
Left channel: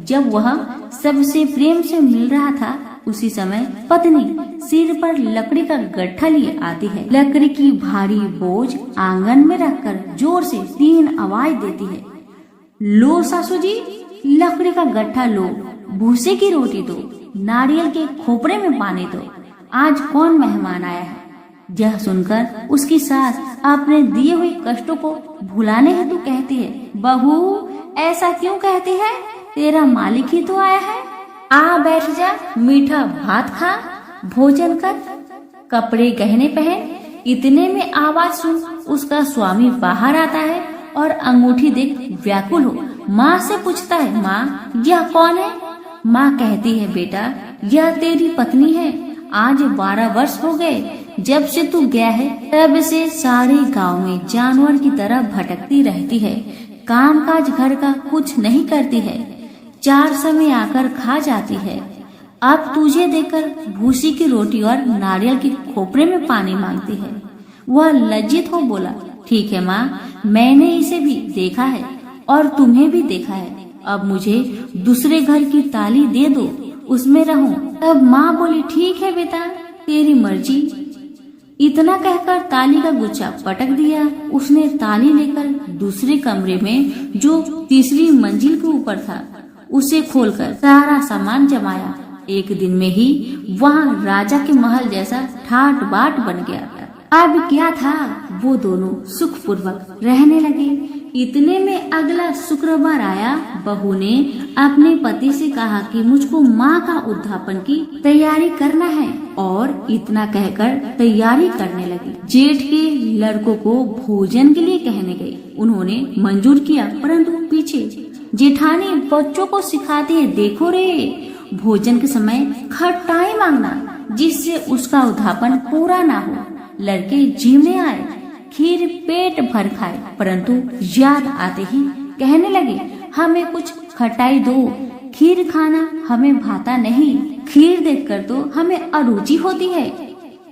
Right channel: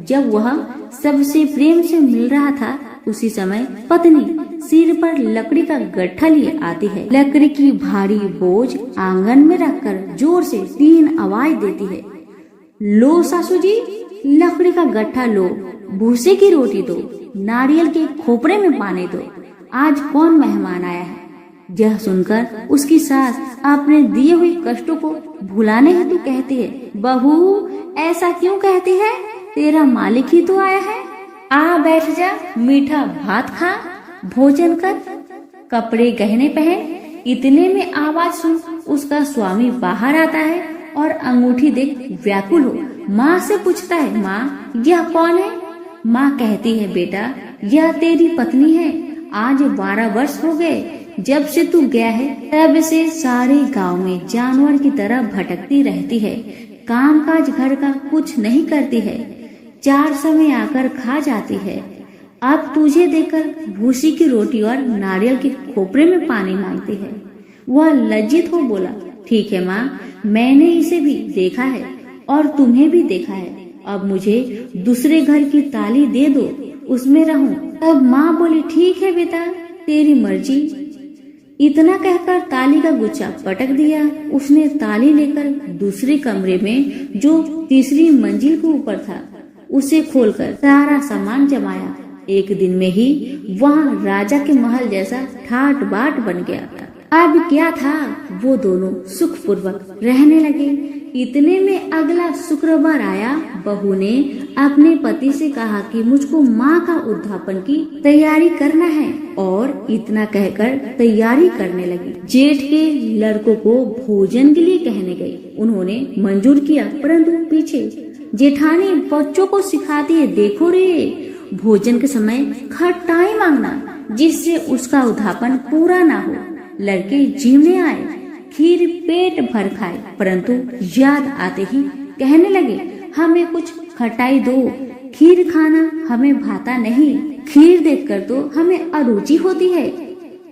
जब वह सबसे प्रेम से मिल रहा था उसी समय पत्नी सिर पर लकड़ी का गट्ठा लिए आती है। लकड़ी की भारी बोझ आंगन में रखकर जोर से 3 आवाज देती है, लो सासू जी लकड़ी का गट्ठा लो, भूसे की रोटी दो, नारियल के खोपरे में पानी दो, आज कौन मेहमान आया है? यह सुनकर उसकी सास अपने दिए हुए कष्टों को भुलाने हेतु कहती है, बहू ऐसा क्यों कहती है? तेरा मालिक ही तो आया है, आ बैठ जा, मीठा भात खा, भोजन कर, कपड़े गहने पहन। इतने में आवाज सुन उसका स्वामी बाहर आता है और अंगूठी देख व्याकुल हो माँ से पूछता है, माँ यह कौन है? माँ कहती है, बेटा यह तेरी पत्नी है, आज 12 वर्ष हो गए जब से तू गया है, तब से सारे गांव में जानवर की तरह भटकती रहती है, काम काज घर का कुछ नहीं करती है, 4 समय आकर खा जाती है। अब तुझे देखकर भूसी की रोटी और नारियल के खोपरे में पानी मांगती है। वह लज्जित हो बोला, ठीक है माँ, मैंने इसे भी देखा है और तुम्हें भी देखा है, अब मुझे दूसरे घर की ताली दे दो, उसमें रहूं। तब माँ बोली, ठीक है बेटा तेरी मर्जी। इतना कहकर ताली का गुच्छा पटक दिया। उसने ताली लेकर दूसरे कमरे में जो तीसरी मंजिल के ऊपर था उसे खोलकर सारा सामान जमाया। एक दिन में ही वहाँ राजा के महल जैसा ठाट बाट बन गया था। अब क्या था, वो दोनों सुखपूर्वक रहने लगे। इतने में अगला शुक्रवार आया। बहू ने अपने पति से कहा कि मुझको माँ का उद्यापन की तैयारी करना है और इतना कहकर तैयारी करने लगी। जेठ के लड़कों को भोजन के लिए कहने गई। उन्होंने मंजूर किया, परंतु पीछे जेठानी बच्चों को सिखाती है, देखो रे, भोजन के समय खटाई मांगना जिससे उसका उद्यापन पूरा ना हो। लड़के जीवने आए, खीर पेट भर खाए, परंतु याद आते ही कहने लगे, हमें कुछ खटाई दो, खीर खाना हमें भाता नहीं, खीर देखकर तो हमें अरुचि होती है।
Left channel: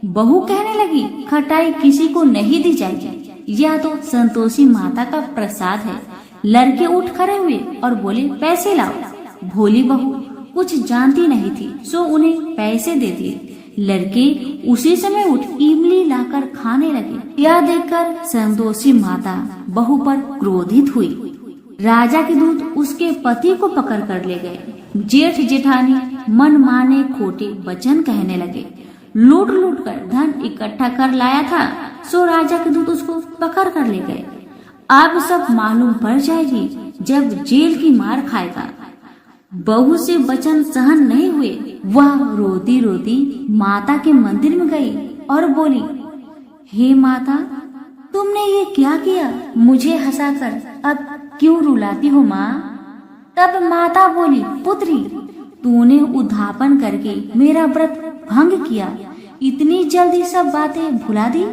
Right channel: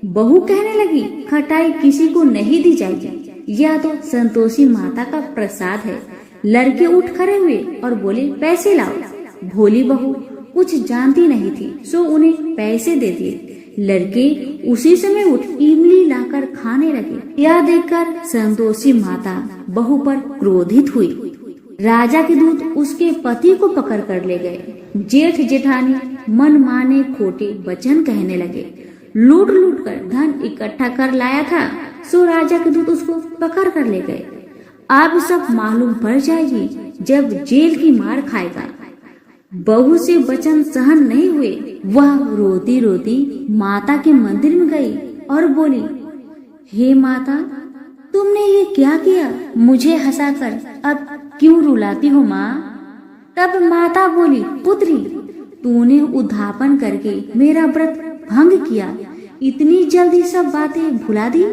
बहू कहने लगी, खटाई किसी को नहीं दी जाएगी, यह तो संतोषी माता का प्रसाद है। लड़के उठ खड़े हुए और बोले, पैसे लाओ। भोली बहू कुछ जानती नहीं थी, सो उन्हें पैसे दे दिए। लड़के उसी समय उठ इमली लाकर खाने लगे। यह देखकर संतोषी माता बहू पर क्रोधित हुई। राजा के दूत उसके पति को पकड़ कर ले गए। जेठ जेठानी मन माने खोटे वचन कहने लगे। लूट लूट कर धन इकट्ठा कर लाया था, सो राजा के दूत उसको पकड़ कर ले गए। अब सब मालूम पड़ जाएगी जब जेल की मार खाएगा। बहू से वचन सहन नहीं हुए। वह रोती रोती माता के मंदिर में गई और बोली, हे माता, तुमने ये क्या किया? मुझे हंसाकर अब क्यों रुलाती हो माँ? तब माता बोली, पुत्री, तूने उद्यापन करके मेरा व्रत भंग किया, इतनी जल्दी सब बातें भुला दी।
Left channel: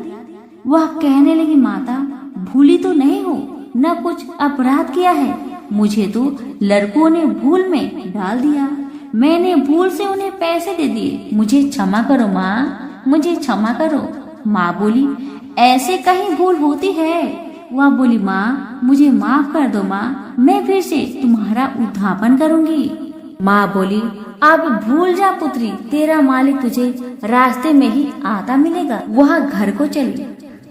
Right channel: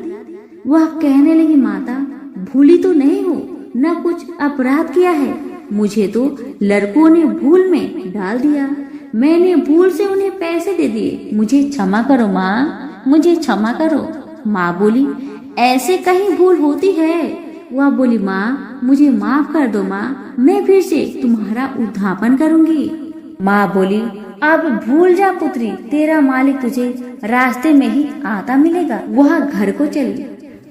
वह कहने लगी, माता, भूली तो नहीं हो, न कुछ अपराध किया है, मुझे तो लड़कों ने भूल में डाल दिया, मैंने भूल से उन्हें पैसे दे दिए, मुझे क्षमा करो माँ, मुझे क्षमा करो। माँ बोली, ऐसे कहीं भूल होती है? वह बोली, माँ, मुझे माफ कर दो माँ, मैं फिर से तुम्हारा उद्यापन करूँगी। माँ बोली, अब भूल जा पुत्री, तेरा मालिक तुझे रास्ते में ही आता मिलेगा। वह घर को चली।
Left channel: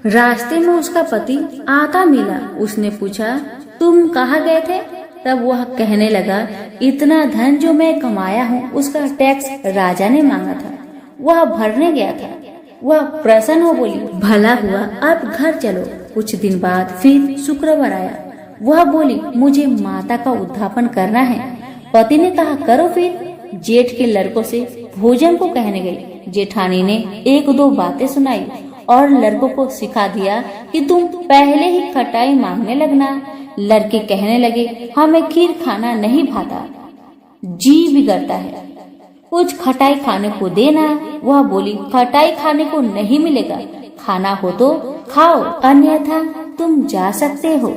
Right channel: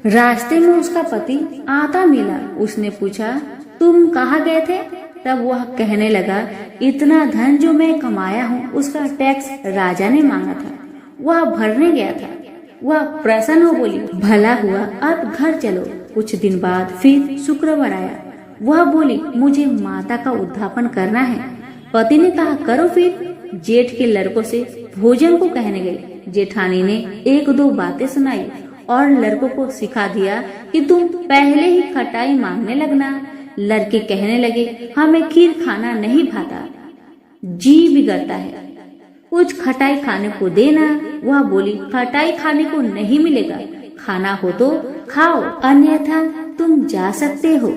रास्ते में उसका पति आता मिला। उसने पूछा, तुम कहाँ गए थे? तब वह कहने लगा, इतना धन जो मैं कमाया हूँ उसका टैक्स राजा ने मांगा था, वह भरने गया था। वह प्रसन्न हो बोली, भला हुआ, अब घर चलो। कुछ दिन बाद फिर शुक्रवार आया। वह बोली, मुझे माता का उद्यापन करना है। पति ने कहा, करो फिर। जेठ के लड़कों से भोजन को कहने गई। जेठानी ने एक दो बातें सुनाई और लड़कों को सिखा दिया कि तुम पहले ही खटाई मांगने लगना। लड़के कहने लगे, हमें खीर खाना नहीं भाता, जी बिगड़ता है, कुछ खटाई खाने को देना। वह बोली, खटाई खाने को नहीं मिलेगा, खाना हो तो खाओ, अन्यथा तुम जा सकते हो।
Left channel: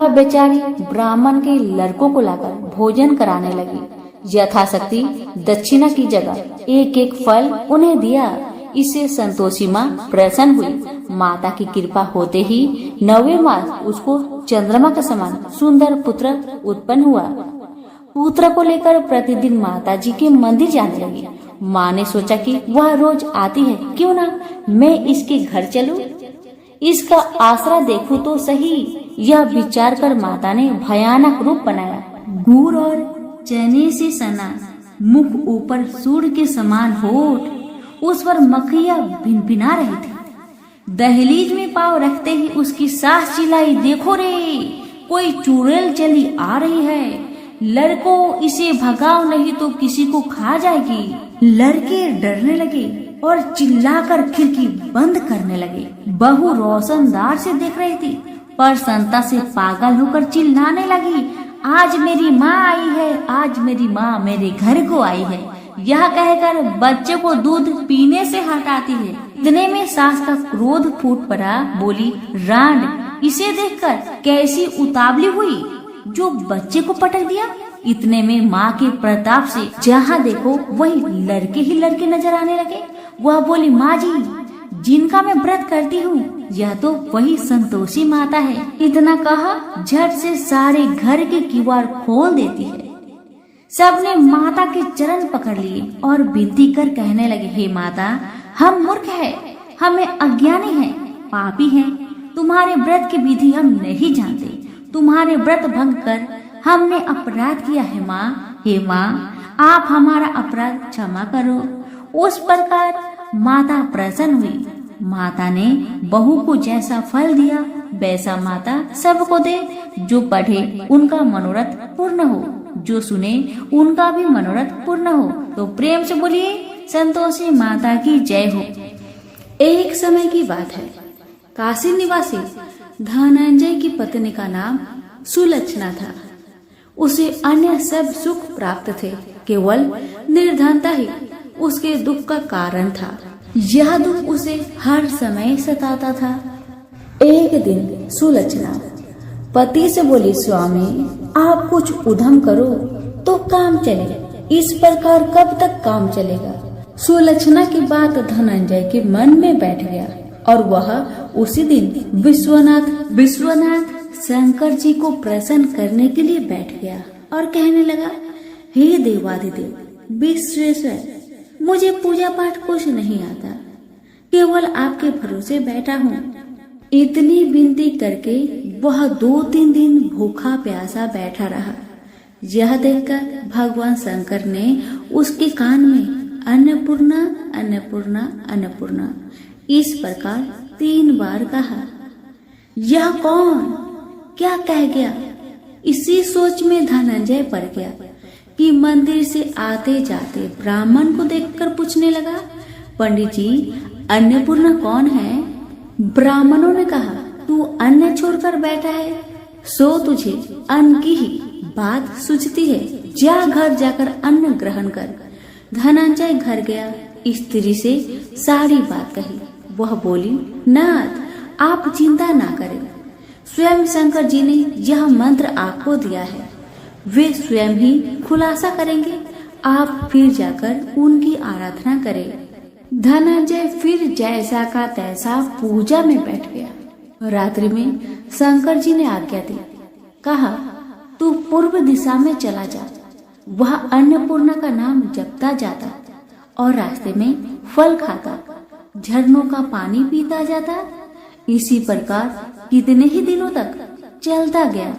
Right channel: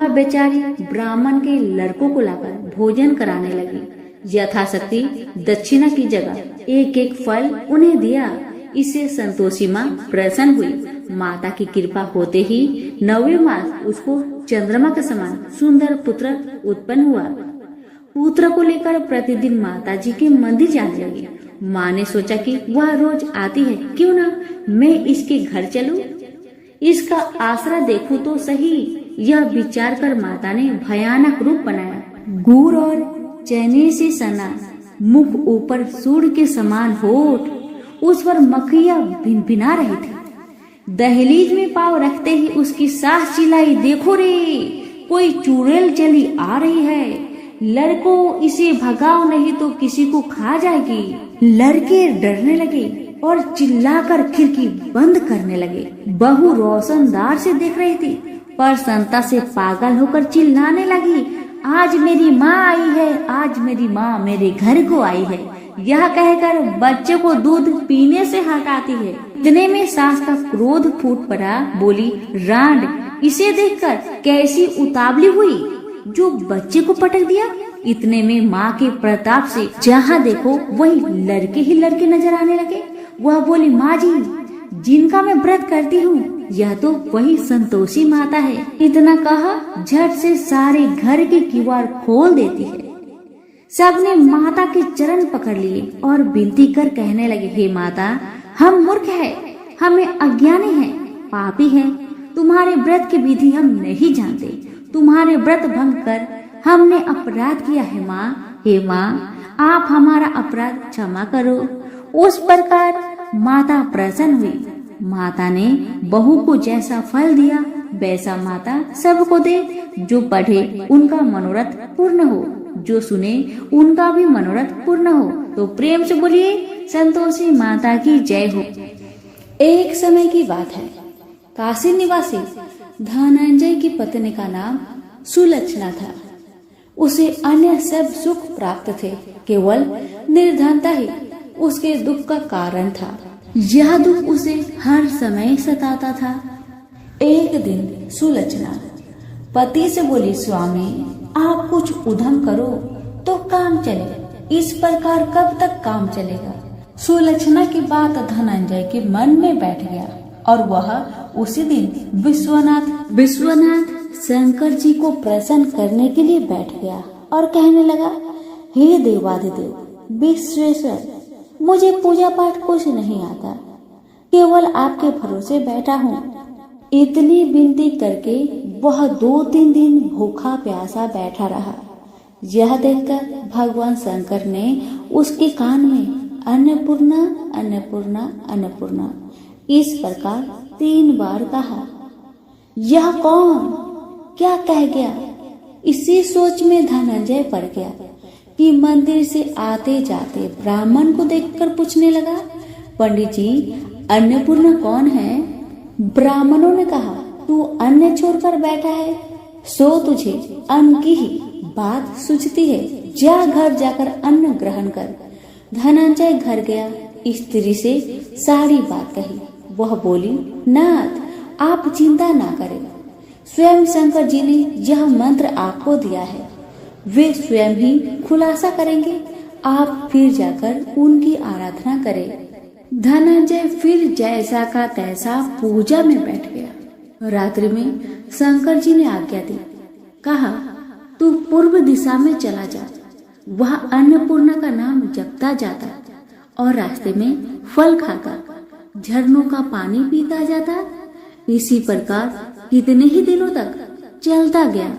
वह बेचारी ब्राह्मण के लड़कों को लाकर भोजन कराने लगी। यथाशक्ति दक्षिणा की जगह एक एक फल उन्हें दिया। इससे संतोषी माँ प्रसन्न हुई। माता की कृपा होते ही 9वें मास उसको चंद्रमा के समान सुंदर पुत्र उत्पन्न हुआ। पुत्र को लेकर प्रतिदिन माता जी के मंदिर जाने लगी। माँ ने सोचा कि वह रोज आती है, क्यों ना मैं इसके घर चलूं, इसका आसरा देखूं तो सही। यह विचार कर माता ने भयानक रूप बनाया। गुड़ और चने से सना, मुख ऊपर सूर्य के समान होठ, उस पर मक्खियां भिनभिना रही थी। दहलीज में पांव रखते ही उसकी सास चिल्लाई, देखो रे, कोई चुड़ैल चली आ रही है, लड़कों इसे भगाओ नहीं तो किसी को खा जाएगी। लड़के डरने लगे और चिल्लाकर खिड़की बंद करने लगे। बहू रोशनदार से देख रही थी, पर संता से पागल होकर चिल्लाने लगी, आज मेरी माँ आई है, आज मेरी माँ मेरे घर को आई है। यह कहकर बच्चे को दूध पीने से हटाती है। इतने में सास का क्रोध फूट पड़ा। बोली, रांड, इसे देखकर कैसी उतावली हुई जो बच्चे को पटक दिया। इतने में माँ के प्रताप से जहाँ देखो वही लड़के ही लड़के नजर आने लगे। वह बोली, माँ जी, जिनका मैं व्रत करती हूँ यह तो वही संतोषी माता है। इतना कहा झट से सारे घर के किवाड़ खोल देती है। सबने माता के चरण पकड़ लिए और विनती कर कहने लगे, हे माता, हम मूर्ख हैं, हमें अज्ञानी हैं, पापी हैं। तुम्हारे व्रत की विधि हम नहीं जानते। तुम्हारे व्रत भंग कर हमने अपराध किया है माँ। हे माँ, आप हमारा अपराध क्षमा करो। उस प्रकार माता प्रसन्न हुई। माता ने बहू को जैसा फल दिया वैसा माता सबको दे। जो पढ़े उनका मनोरथ पूर्ण हो, जो सुने उनका भी मनोरथ पूर्ण हो। तो प्रेम से बोलिए संतोषी माता की जय हो। एक समय की बात है, काशी निवासी धनंजय की पत्नी का नाम सुलक्षणा था। उसे अन्य सब सुख प्राप्त थे, केवल निर्धनता ही उसके दुख का कारण था। यह दुख उसे हर समय सताता था। एक दिन सुलक्षणा पति से बोली, स्वामी आप कुछ उद्यम करो तो काम चले, इस प्रकार कब तक काम चलेगा। सुलक्षणा की बात धनंजय के मन में बैठ गया और वह उसी दिन विश्वनाथ शंकर जी को प्रसन्न करने के लिए बैठ गया और कहने लगा, हे देवाधिदेव विश्वेश्वर, मुझे पूजा पाठ कुछ नहीं आता, केवल आपके भरोसे बैठा हूँ। इतनी विनती करके वह 2-3 दिन भूखा प्यासा बैठा रहा। यह देखकर भगवान शंकर ने उसके कान में अन्नपूर्णा अन्नपूर्णा अन्नपूर्णा इस प्रकार 3 बार कहा। यह कौन क्या कह गया? इसी सोच में धनंजय पड़ गया कि मंदिर से आते जाते ब्राह्मण को देखकर पूछने लगा, पंडित जी अन्नपूर्णा कौन है? ब्राह्मणों ने कहा, तू अन्न छोड़कर बैठा है, सो तुझे अन्न की ही बात सूझती है, जा घर जाकर अन्न ग्रहण कर। धनंजय घर गया, स्त्री से सारी बात कही। वह बोली, नाथ आप चिंता ना करें, स्वयं शंकर जी ने यह मंत्र आपको दिया है, वे स्वयं ही खुलासा करेंगे, आप फिर जाकर उनकी आराधना करें। धनंजय फिर जैसा का तैसा पूजा में बैठ गया। रात्रि में शंकर जी ने आज्ञा दी, कहा तू पूर्व दिशा में चला जा। वह अन्नपूर्णा का नाम जपता जाता और रास्ते में फल खाता, झरनों का पानी पीता जाता। इसी प्रकार कितने ही दिनों तक चलता गया।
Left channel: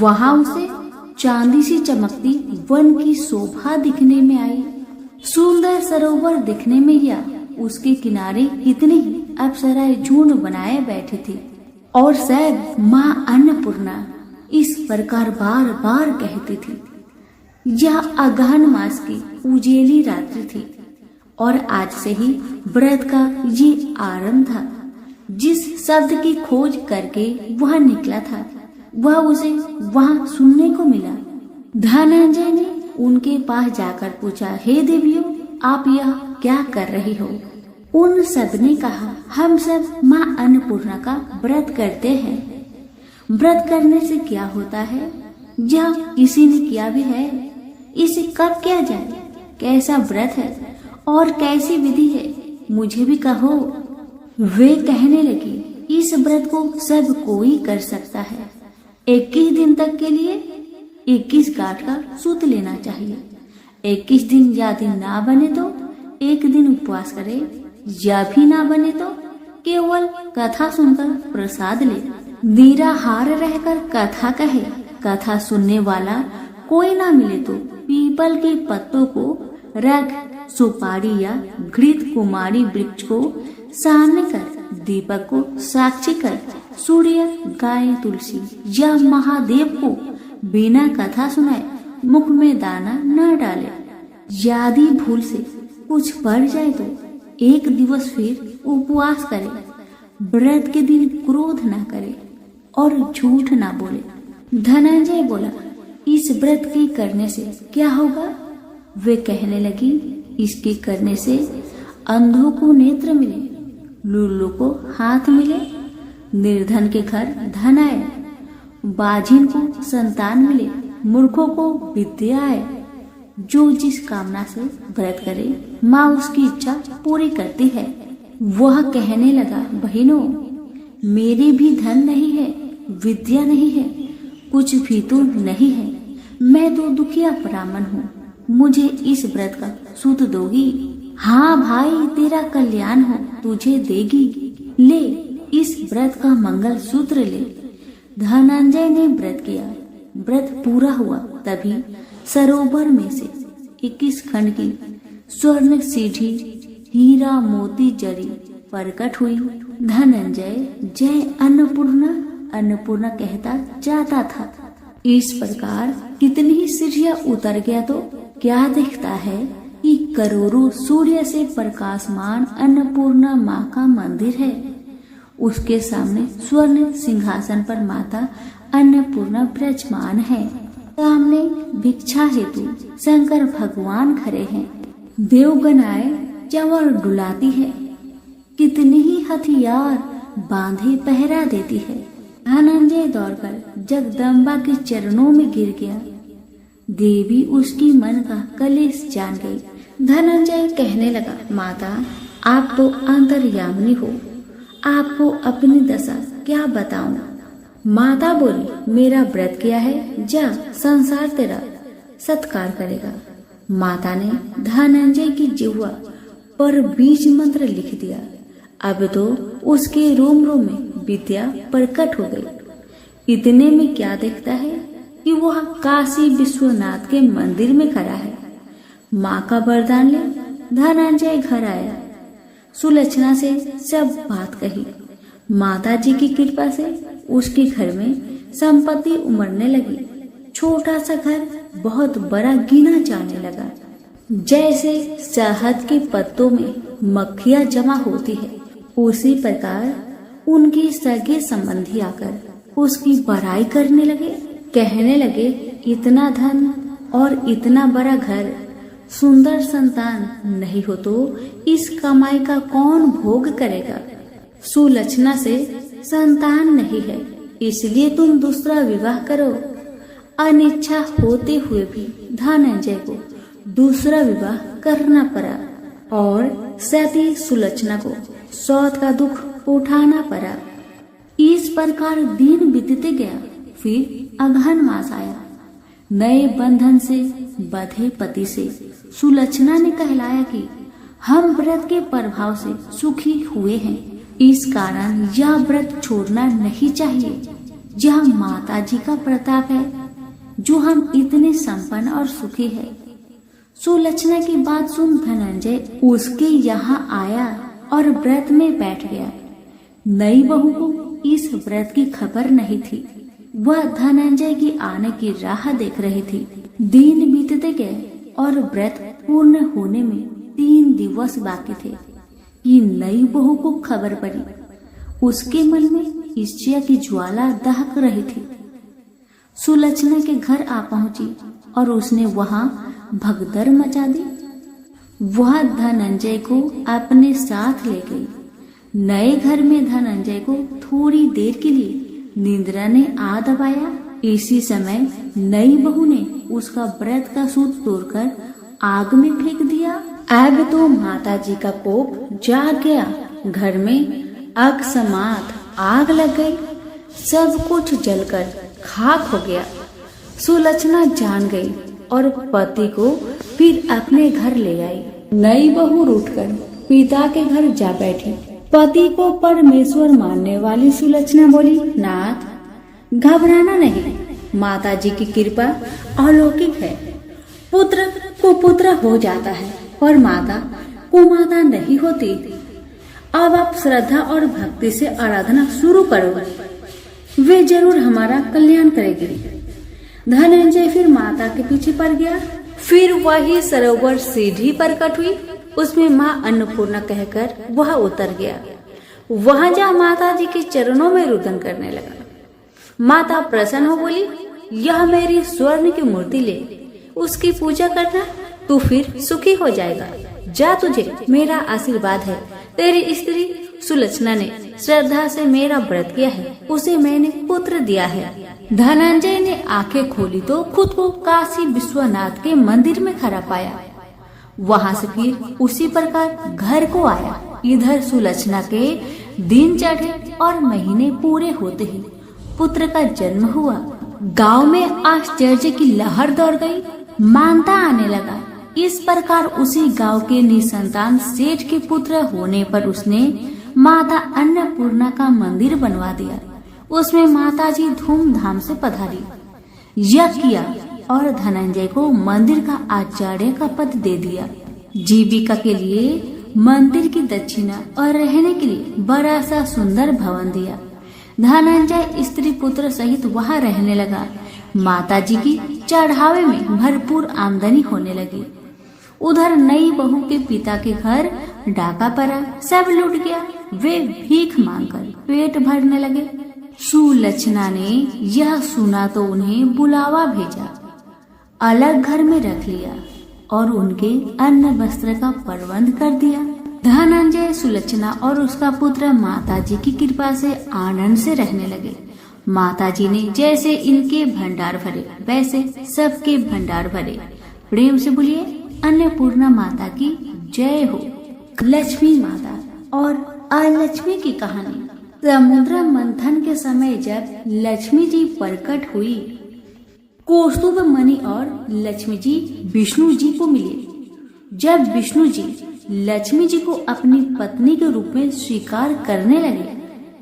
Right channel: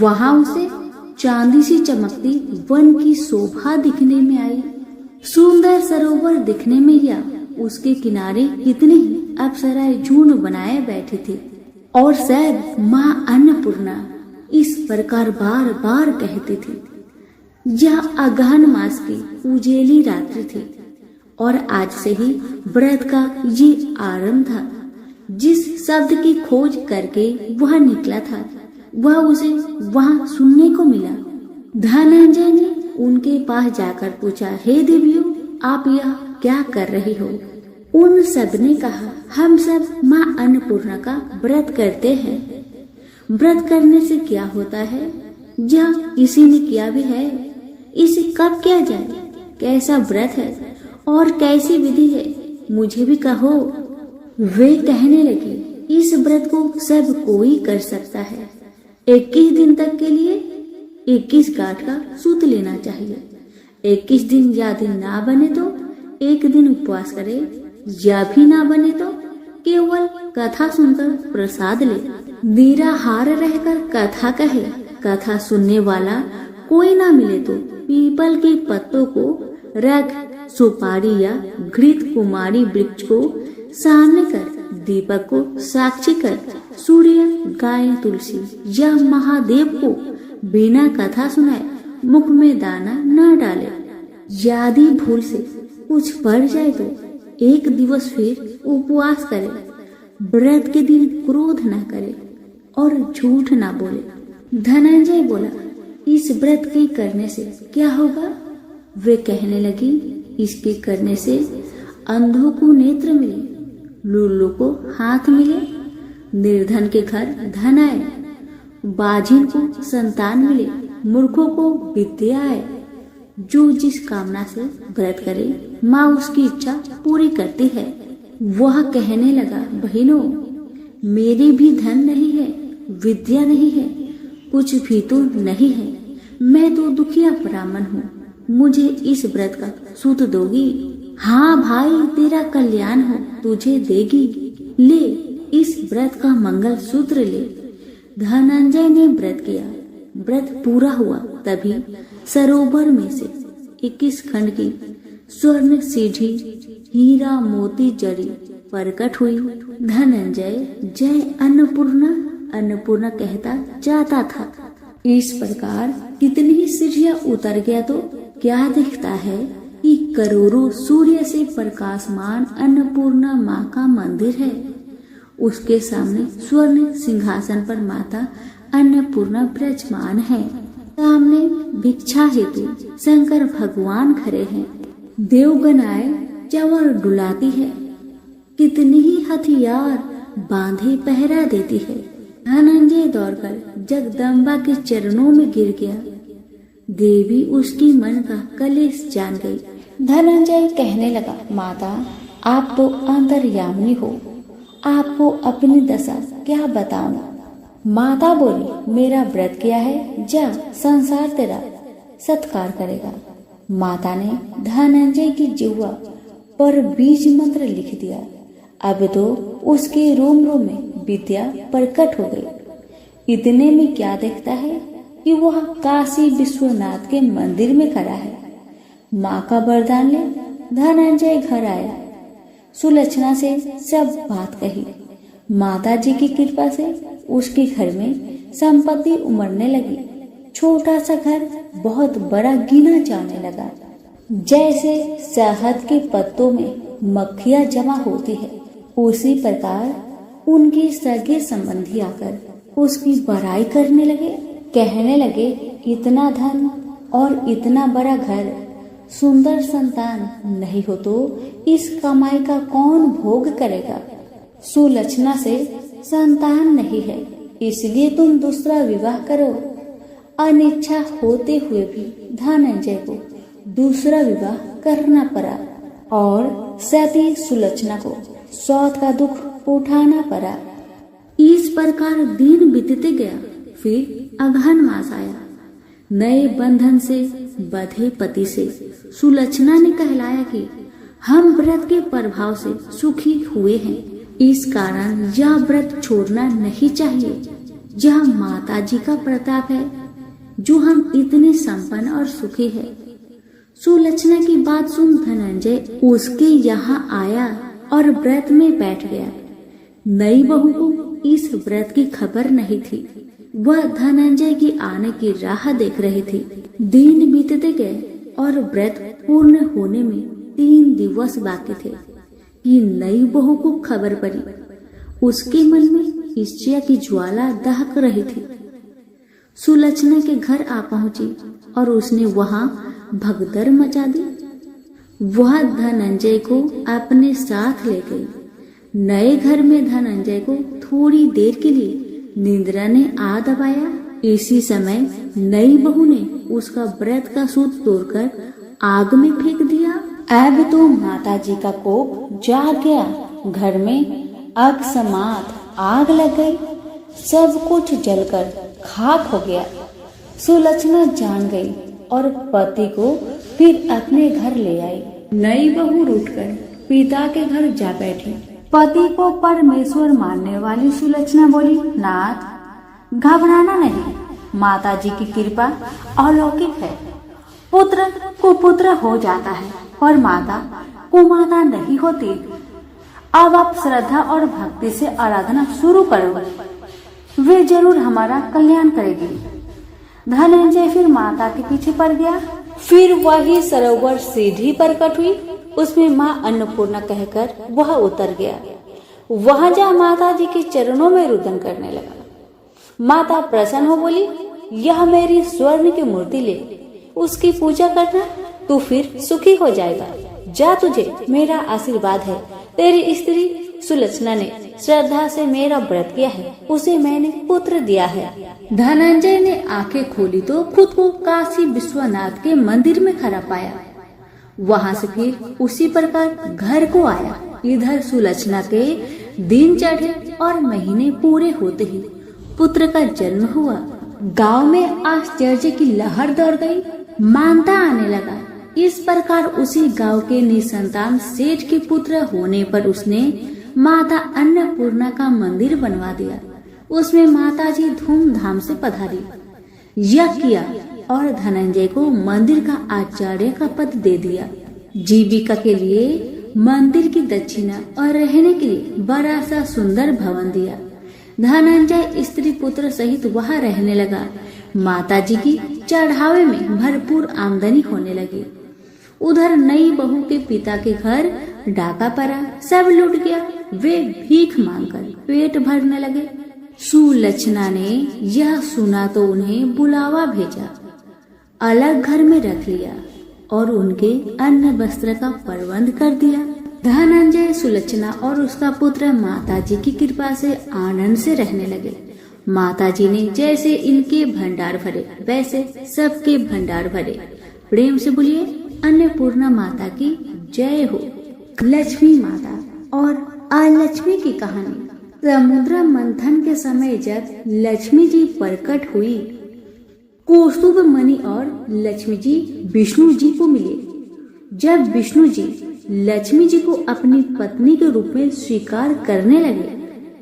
वहां उसे चांदी सी चमकती वन की शोभा दिखने में आई। सुंदर सरोवर दिखने में या उसके किनारे कितनी अप्सराएं झुंड बनाए बैठी थी और सब माँ अन्नपूर्णा इस प्रकार बार बार कहती थी। यह अगहन मास की उजेली रात्रि थी और आज से ही व्रत का ये आरंभ था। जिस शब्द की खोज करके वह निकला था वह उसे वहां सुनने को मिला। धनंजय ने उनके पास जाकर पूछा, हे देवियों आप यह क्या कर रही हो? उन सब ने कहा, हम सब माँ अन्नपूर्णा का व्रत करते हैं। व्रत करने से क्या होता है? यह किसी ने किया भी है, इसे कब किया जाए? कैसा व्रत है और कैसी विधि है, मुझे भी कहो। वे कहने लगे, इस व्रत को सब कोई कर सकता है। 21 दिन तक के लिए 21 गांठ का सूत लेना चाहिए। 21 दिन या दिन ना बने तो 1 दिन उपवास करे, या भी ना बने तो केवल कथा सुनकर प्रसाद ले। निराहार रहकर कथा कहे, कथा सुनने वाला कोई ना मिले तो पीपल के पत्तों को रख, सुपारी या घृत कुमारी वृक्ष को सामने कर, दीपक को साक्षी कर, सूर्य, गाय, तुलसी या महादेव को बिना कथा सुनाए मुख में दाना न डाले। यदि भूल से कुछ पड़ जाए तो 1 दिवस फिर उपवास करे। व्रत के दिन क्रोध न करे और झूठ न बोले। धनंजय बोला, इस व्रत के करने से क्या होगा? वे कहने लगी, इसके करने से अंधों को नेत्र मिले, लूलों को हाथ मिले, निर्धन के घर धन आए, बाझिन को संतान मिले, मूर्खों को विद्या आए। जो जिस कामना से व्रत करे माँ उसकी इच्छा पूरी करती है। वह कहने लगा, बहनों मेरे भी धन नहीं है, विद्या नहीं है, कुछ भी तो नहीं है, मैं तो दुखिया ब्राह्मण हूँ, मुझे इस व्रत का सूत दोगी? हाँ भाई, तेरा कल्याण हो, तुझे देगी, ले इस व्रत का मंगल सूत्र ले। धनंजय ने व्रत किया। व्रत पूरा हुआ तभी सरोवर में से 21 खंड की स्वर्ण सीढ़ी हीरा मोती जड़ी प्रकट हुई। धनंजय जय अन्नपूर्णा अन्नपूर्णा कहता जाता था। इस प्रकार कितनी ही सीढ़ियां उतर गया तो क्या दिखता है कि करोड़ों सूर्य से प्रकाशमान अन्नपूर्णा माँ का मंदिर है। उसके सामने स्वर्ण सिंहासन पर माता अन्नपूर्णा विराजमान है। सामने भिक्षा हेतु शंकर भगवान खड़े हैं। देवगनाएं चंवर डुलाती है। कितनी ही हथियार बांधे पहरा देती है। धनंजय दौड़कर जगदम्बा के चरणों में गिर गया। देवी उसकी मन का कलेश जान गई। धनंजय कहने लगा, माता आप तो अंतर्यामिनी हो, आपको अपनी दशा क्या बताऊं। माता बोली, मेरा व्रत किया है, जा संसार तेरा सत्कार करेगा। माता ने धनंजय की जिह्वा पर बीज मंत्र लिख दिया। अब तो उसके रोम रोम में विद्या प्रकट हो गई। इतने में क्या देखता है कि वह काशी विश्वनाथ के मंदिर में खड़ा है। माँ का वरदान ले धनंजय घर आया। सुलक्षणा से सब बात कही। माता जी की कृपा से उसके घर में संपत्ति उमड़ने लगी। छोटा सा घर बहुत बड़ा गिना जाने लगा। जैसे शहद के पत्तों में मक्खियाँ जमा होती है, उसी प्रकार उनके सगे संबंधी आकर उसकी बड़ाई करने लगे। कहने लगे, इतना धन और इतना बड़ा घर, सुंदर संतान नहीं हो तो इस कमाई का कौन भोग करेगा। सुलक्षणा से संतान नहीं है, इसलिए तुम दूसरा विवाह करो। अनिच्छा होते हुए भी धनंजय को दूसरा विवाह करना पड़ा और सती सुलक्षणा को सौत का दुख उठाना पड़ा। इस प्रकार दिन बीतते गया। फिर अगहन मास आया। नए बंधन से बंधे पति से सुलक्षणा ने कहलाया कि हम व्रत के प्रभाव से सुखी हुए हैं, इस कारण यह व्रत छोड़ना नहीं चाहिए। यह माता जी का प्रताप है जो हम इतने संपन्न और सुखी है। सुलक्षणा की बात सुन धनंजय उसके यहाँ आया और व्रत में बैठ गया। नई बहू को इस व्रत की खबर नहीं थी। वह धनंजय के आने की राह देख रही थी। दिन बीतते गए और व्रत पूर्ण होने में 3 दिवस बाकी थे कि नई बहू को खबर पड़ी। उसके मन में ईर्ष्या की ज्वाला दहक रही थी। सुलक्षणा के घर आ पहुंची और उसने वहां भगदड़ मचा दी। वह धनंजय को अपने साथ ले गई। नए घर में धनंजय को थोड़ी देर के लिए निद्रा ने आ दबाया। इसी समय नई बहू ने उसका व्रत का सूट तोड़कर आग में फेंक दिया। अब तो माता जी का कोप जाग गया। घर में अकस्मात आग लग गई। सब कुछ जलकर खाक हो गया। सुलक्षणा जान गई और पति को फिर अपने घर ले आई। नई बहू उठकर पिता के घर जा बैठी। पति को परमेश्वर मानने वाली सुलक्षणा बोली, नाथ घबराना नहीं, माता जी की कृपा अलौकिक है। पुत्र कुपुत्र हो जाता है पर माता कुमाता नहीं होती। अब आप श्रद्धा और भक्ति से आराधना शुरू करो, वे जरूर हमारा कल्याण करेगी। धनंजय फिर माता के पीछे पड़ गया। फिर वही सरोवर सीढ़ी प्रकट हुई। उसमें माँ अन्नपूर्णा कहकर वह उतर गया। वहां जा माता जी के चरणों में रुदन करने लगा। माता प्रसन्न हो बोली, यह मेरी स्वर्ण की मूर्ति ले, उसकी पूजा करना, तू फिर सुखी हो जाएगा। जा, तुझे मेरा आशीर्वाद है। तेरी स्त्री सुलक्षणा ने श्रद्धा से मेरा व्रत किया है, उसे मैंने पुत्र दिया है। धनंजय ने आंखें खोली तो खुद को काशी विश्वनाथ के मंदिर में खड़ा पाया। वहां से फिर उसी प्रकार घर को आया। इधर सुलक्षणा के दिन चढ़े और महीने पूरे होते ही पुत्र का जन्म हुआ। गांव में आश्चर्य की लहर दौड़ गई। मानता आने लगा इस प्रकार उसी गांव के निसंतान सेठ के पुत्र होने पर उसने माता अन्नपूर्णा का मंदिर बनवा दिया। उसमें माताजी धूमधाम से पधारी, यज्ञ किया और धनंजय को मंदिर का आचार्य का पद दे दिया। जीविका के लिए मंदिर की दक्षिणा और रहने के लिए बड़ा सा सुंदर भवन दिया। धनंजय स्त्री पुत्र सहित वहां रहने लगा। माताजी की चढ़ावे में भरपूर आमदनी होने लगी। उधर नई बहू के पिता के घर डाका पड़ा, सब लूट गया। वे भीख मांगकर पेट भरने लगे। सुलक्षणा ने यह सुना तो उन्हें बुलावा भेजा, अलग घर में रख लिया और उनके अन्न वस्त्र का प्रबंध कर दिया। धनंजय, सुलक्षणा और उसका पुत्र माताजी की कृपा से आनंद से रहने लगे। माताजी ने जैसे इनके भंडार भरे वैसे सबके भंडार भरे। प्रेम से बोलिए अन्नपूर्णा माता की जय हो। लक्ष्मी माता और अलक्ष्मी की कहानी। समुद्र मंथन के समय जब लक्ष्मी जी प्रकट हुई, कौस्तुभ मणि और लक्ष्मी जी विष्णु जी को मिले। जब विष्णु जी लक्ष्मी जी को अपनी पत्नी के रूप में स्वीकार करने लगे,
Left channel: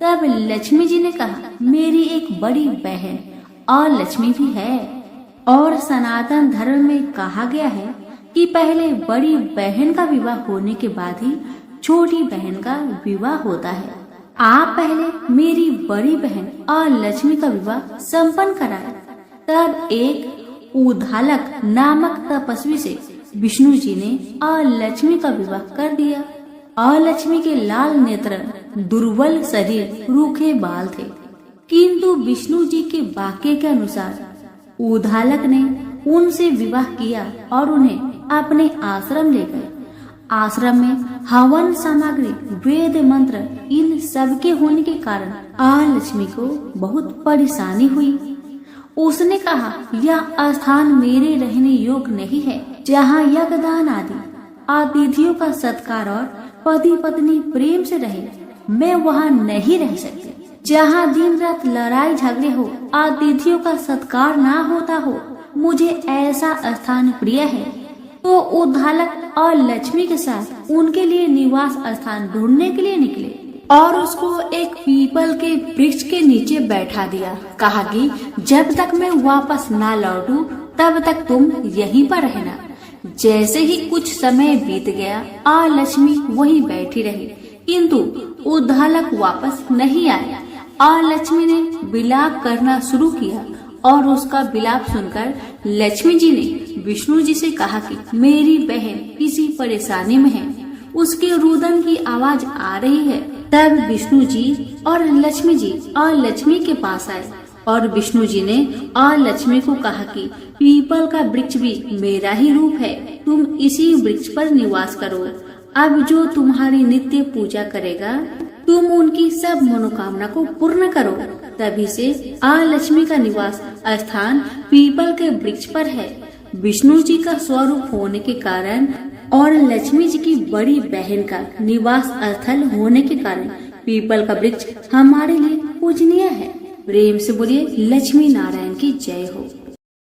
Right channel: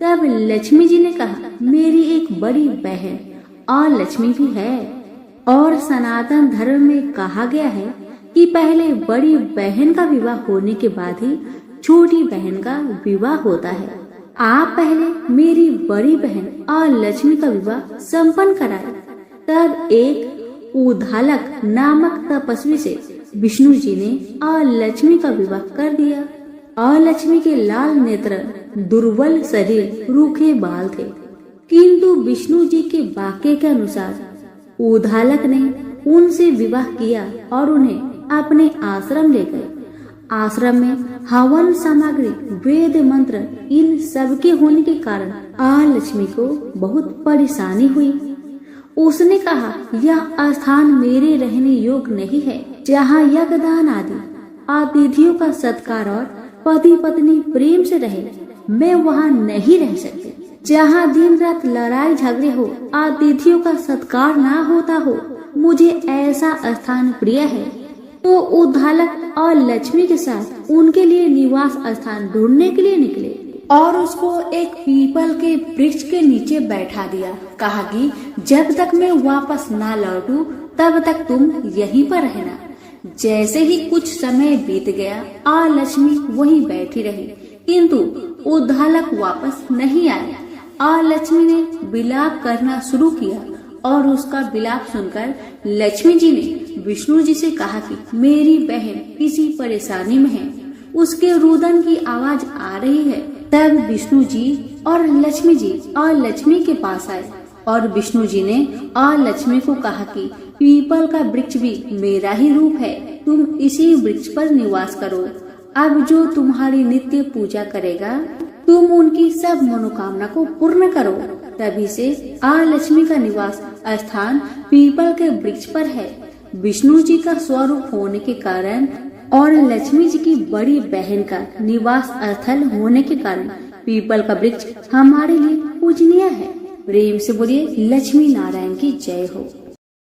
तब लक्ष्मी जी ने कहा, मेरी एक बड़ी बहन और लक्ष्मी भी है। और सनातन धर्म में कहा गया है कि पहले बड़ी बहन का विवाह होने के बाद ही छोटी बहन का विवाह होता है। आप पहले मेरी बड़ी बहन और लक्ष्मी का विवाह संपन्न कराए। तब एक उद्धालक नामक तपस्वी से विष्णु जी ने और लक्ष्मी का विवाह कर दिया। और लक्ष्मी के लाल नेत्र, दुर्बल शरीर, रूखे बाल थे, किंतु विष्णु जी के वाक्य के अनुसार उद्धालक ने उनसे विवाह किया और उन्हें अपने आश्रम ले गए। आश्रम में हवन सामग्री, वेद मंत्र, इन सब के होने के कारण लक्ष्मी को बहुत परेशानी हुई। उसने कहा, यह स्थान मेरे रहने योग्य नहीं है, जहाँ यज्ञदान आदि अतिथियों का सत्कार और पति पत्नी प्रेम से रहे। मैं वहाँ नहीं रह सकती। जहाँ दिन रात लड़ाई झगड़े हो, अतिथियों का सत्कार ना होता हो, मुझे ऐसा स्थान प्रिय है। तो उद्धालक और लक्ष्मी के साथ उनके लिए निवास स्थान ढूंढने के लिए निकले और उसको एक पीपल के वृक्ष के नीचे बैठा दिया। कहा कि जब तक मैं वापस ना लौटूं तब तक तुम यहीं पर रहना। जैसे ही कुछ समय बीत गया, लक्ष्मी वहीं बैठी रही, किंतु उद्धालक वापस नहीं आया। लक्ष्मी ने विलाप करना शुरू किया और उसका विलाप सुनकर लक्ष्मी जी ने विष्णु जी से कहा कि मेरी बहन किसी परेशानी में है, उसके रुदन की आवाज आ रही है। तब विष्णु जी और लक्ष्मी के पास आए और विष्णु जी ने लक्ष्मी को कहा कि पीपल का वृक्ष भी मेरा ही रूप है, तुम इसी वृक्ष पर निवास करो। अब जो तुम्हारी नित्य पूजा करेगा, तुम उनकी सब मनोकामना को पूर्ण करो। तभी से लक्ष्मी का निवास स्थान पीपल के वृक्ष पर है। विष्णु जी का स्वरूप होने के कारण और लक्ष्मी जी की बड़ी बहन का निवास स्थल होने के कारण पीपल का वृक्ष हमारे लिए पूजनीय है। प्रेम से बोलिए लक्ष्मी नारायण की जय हो।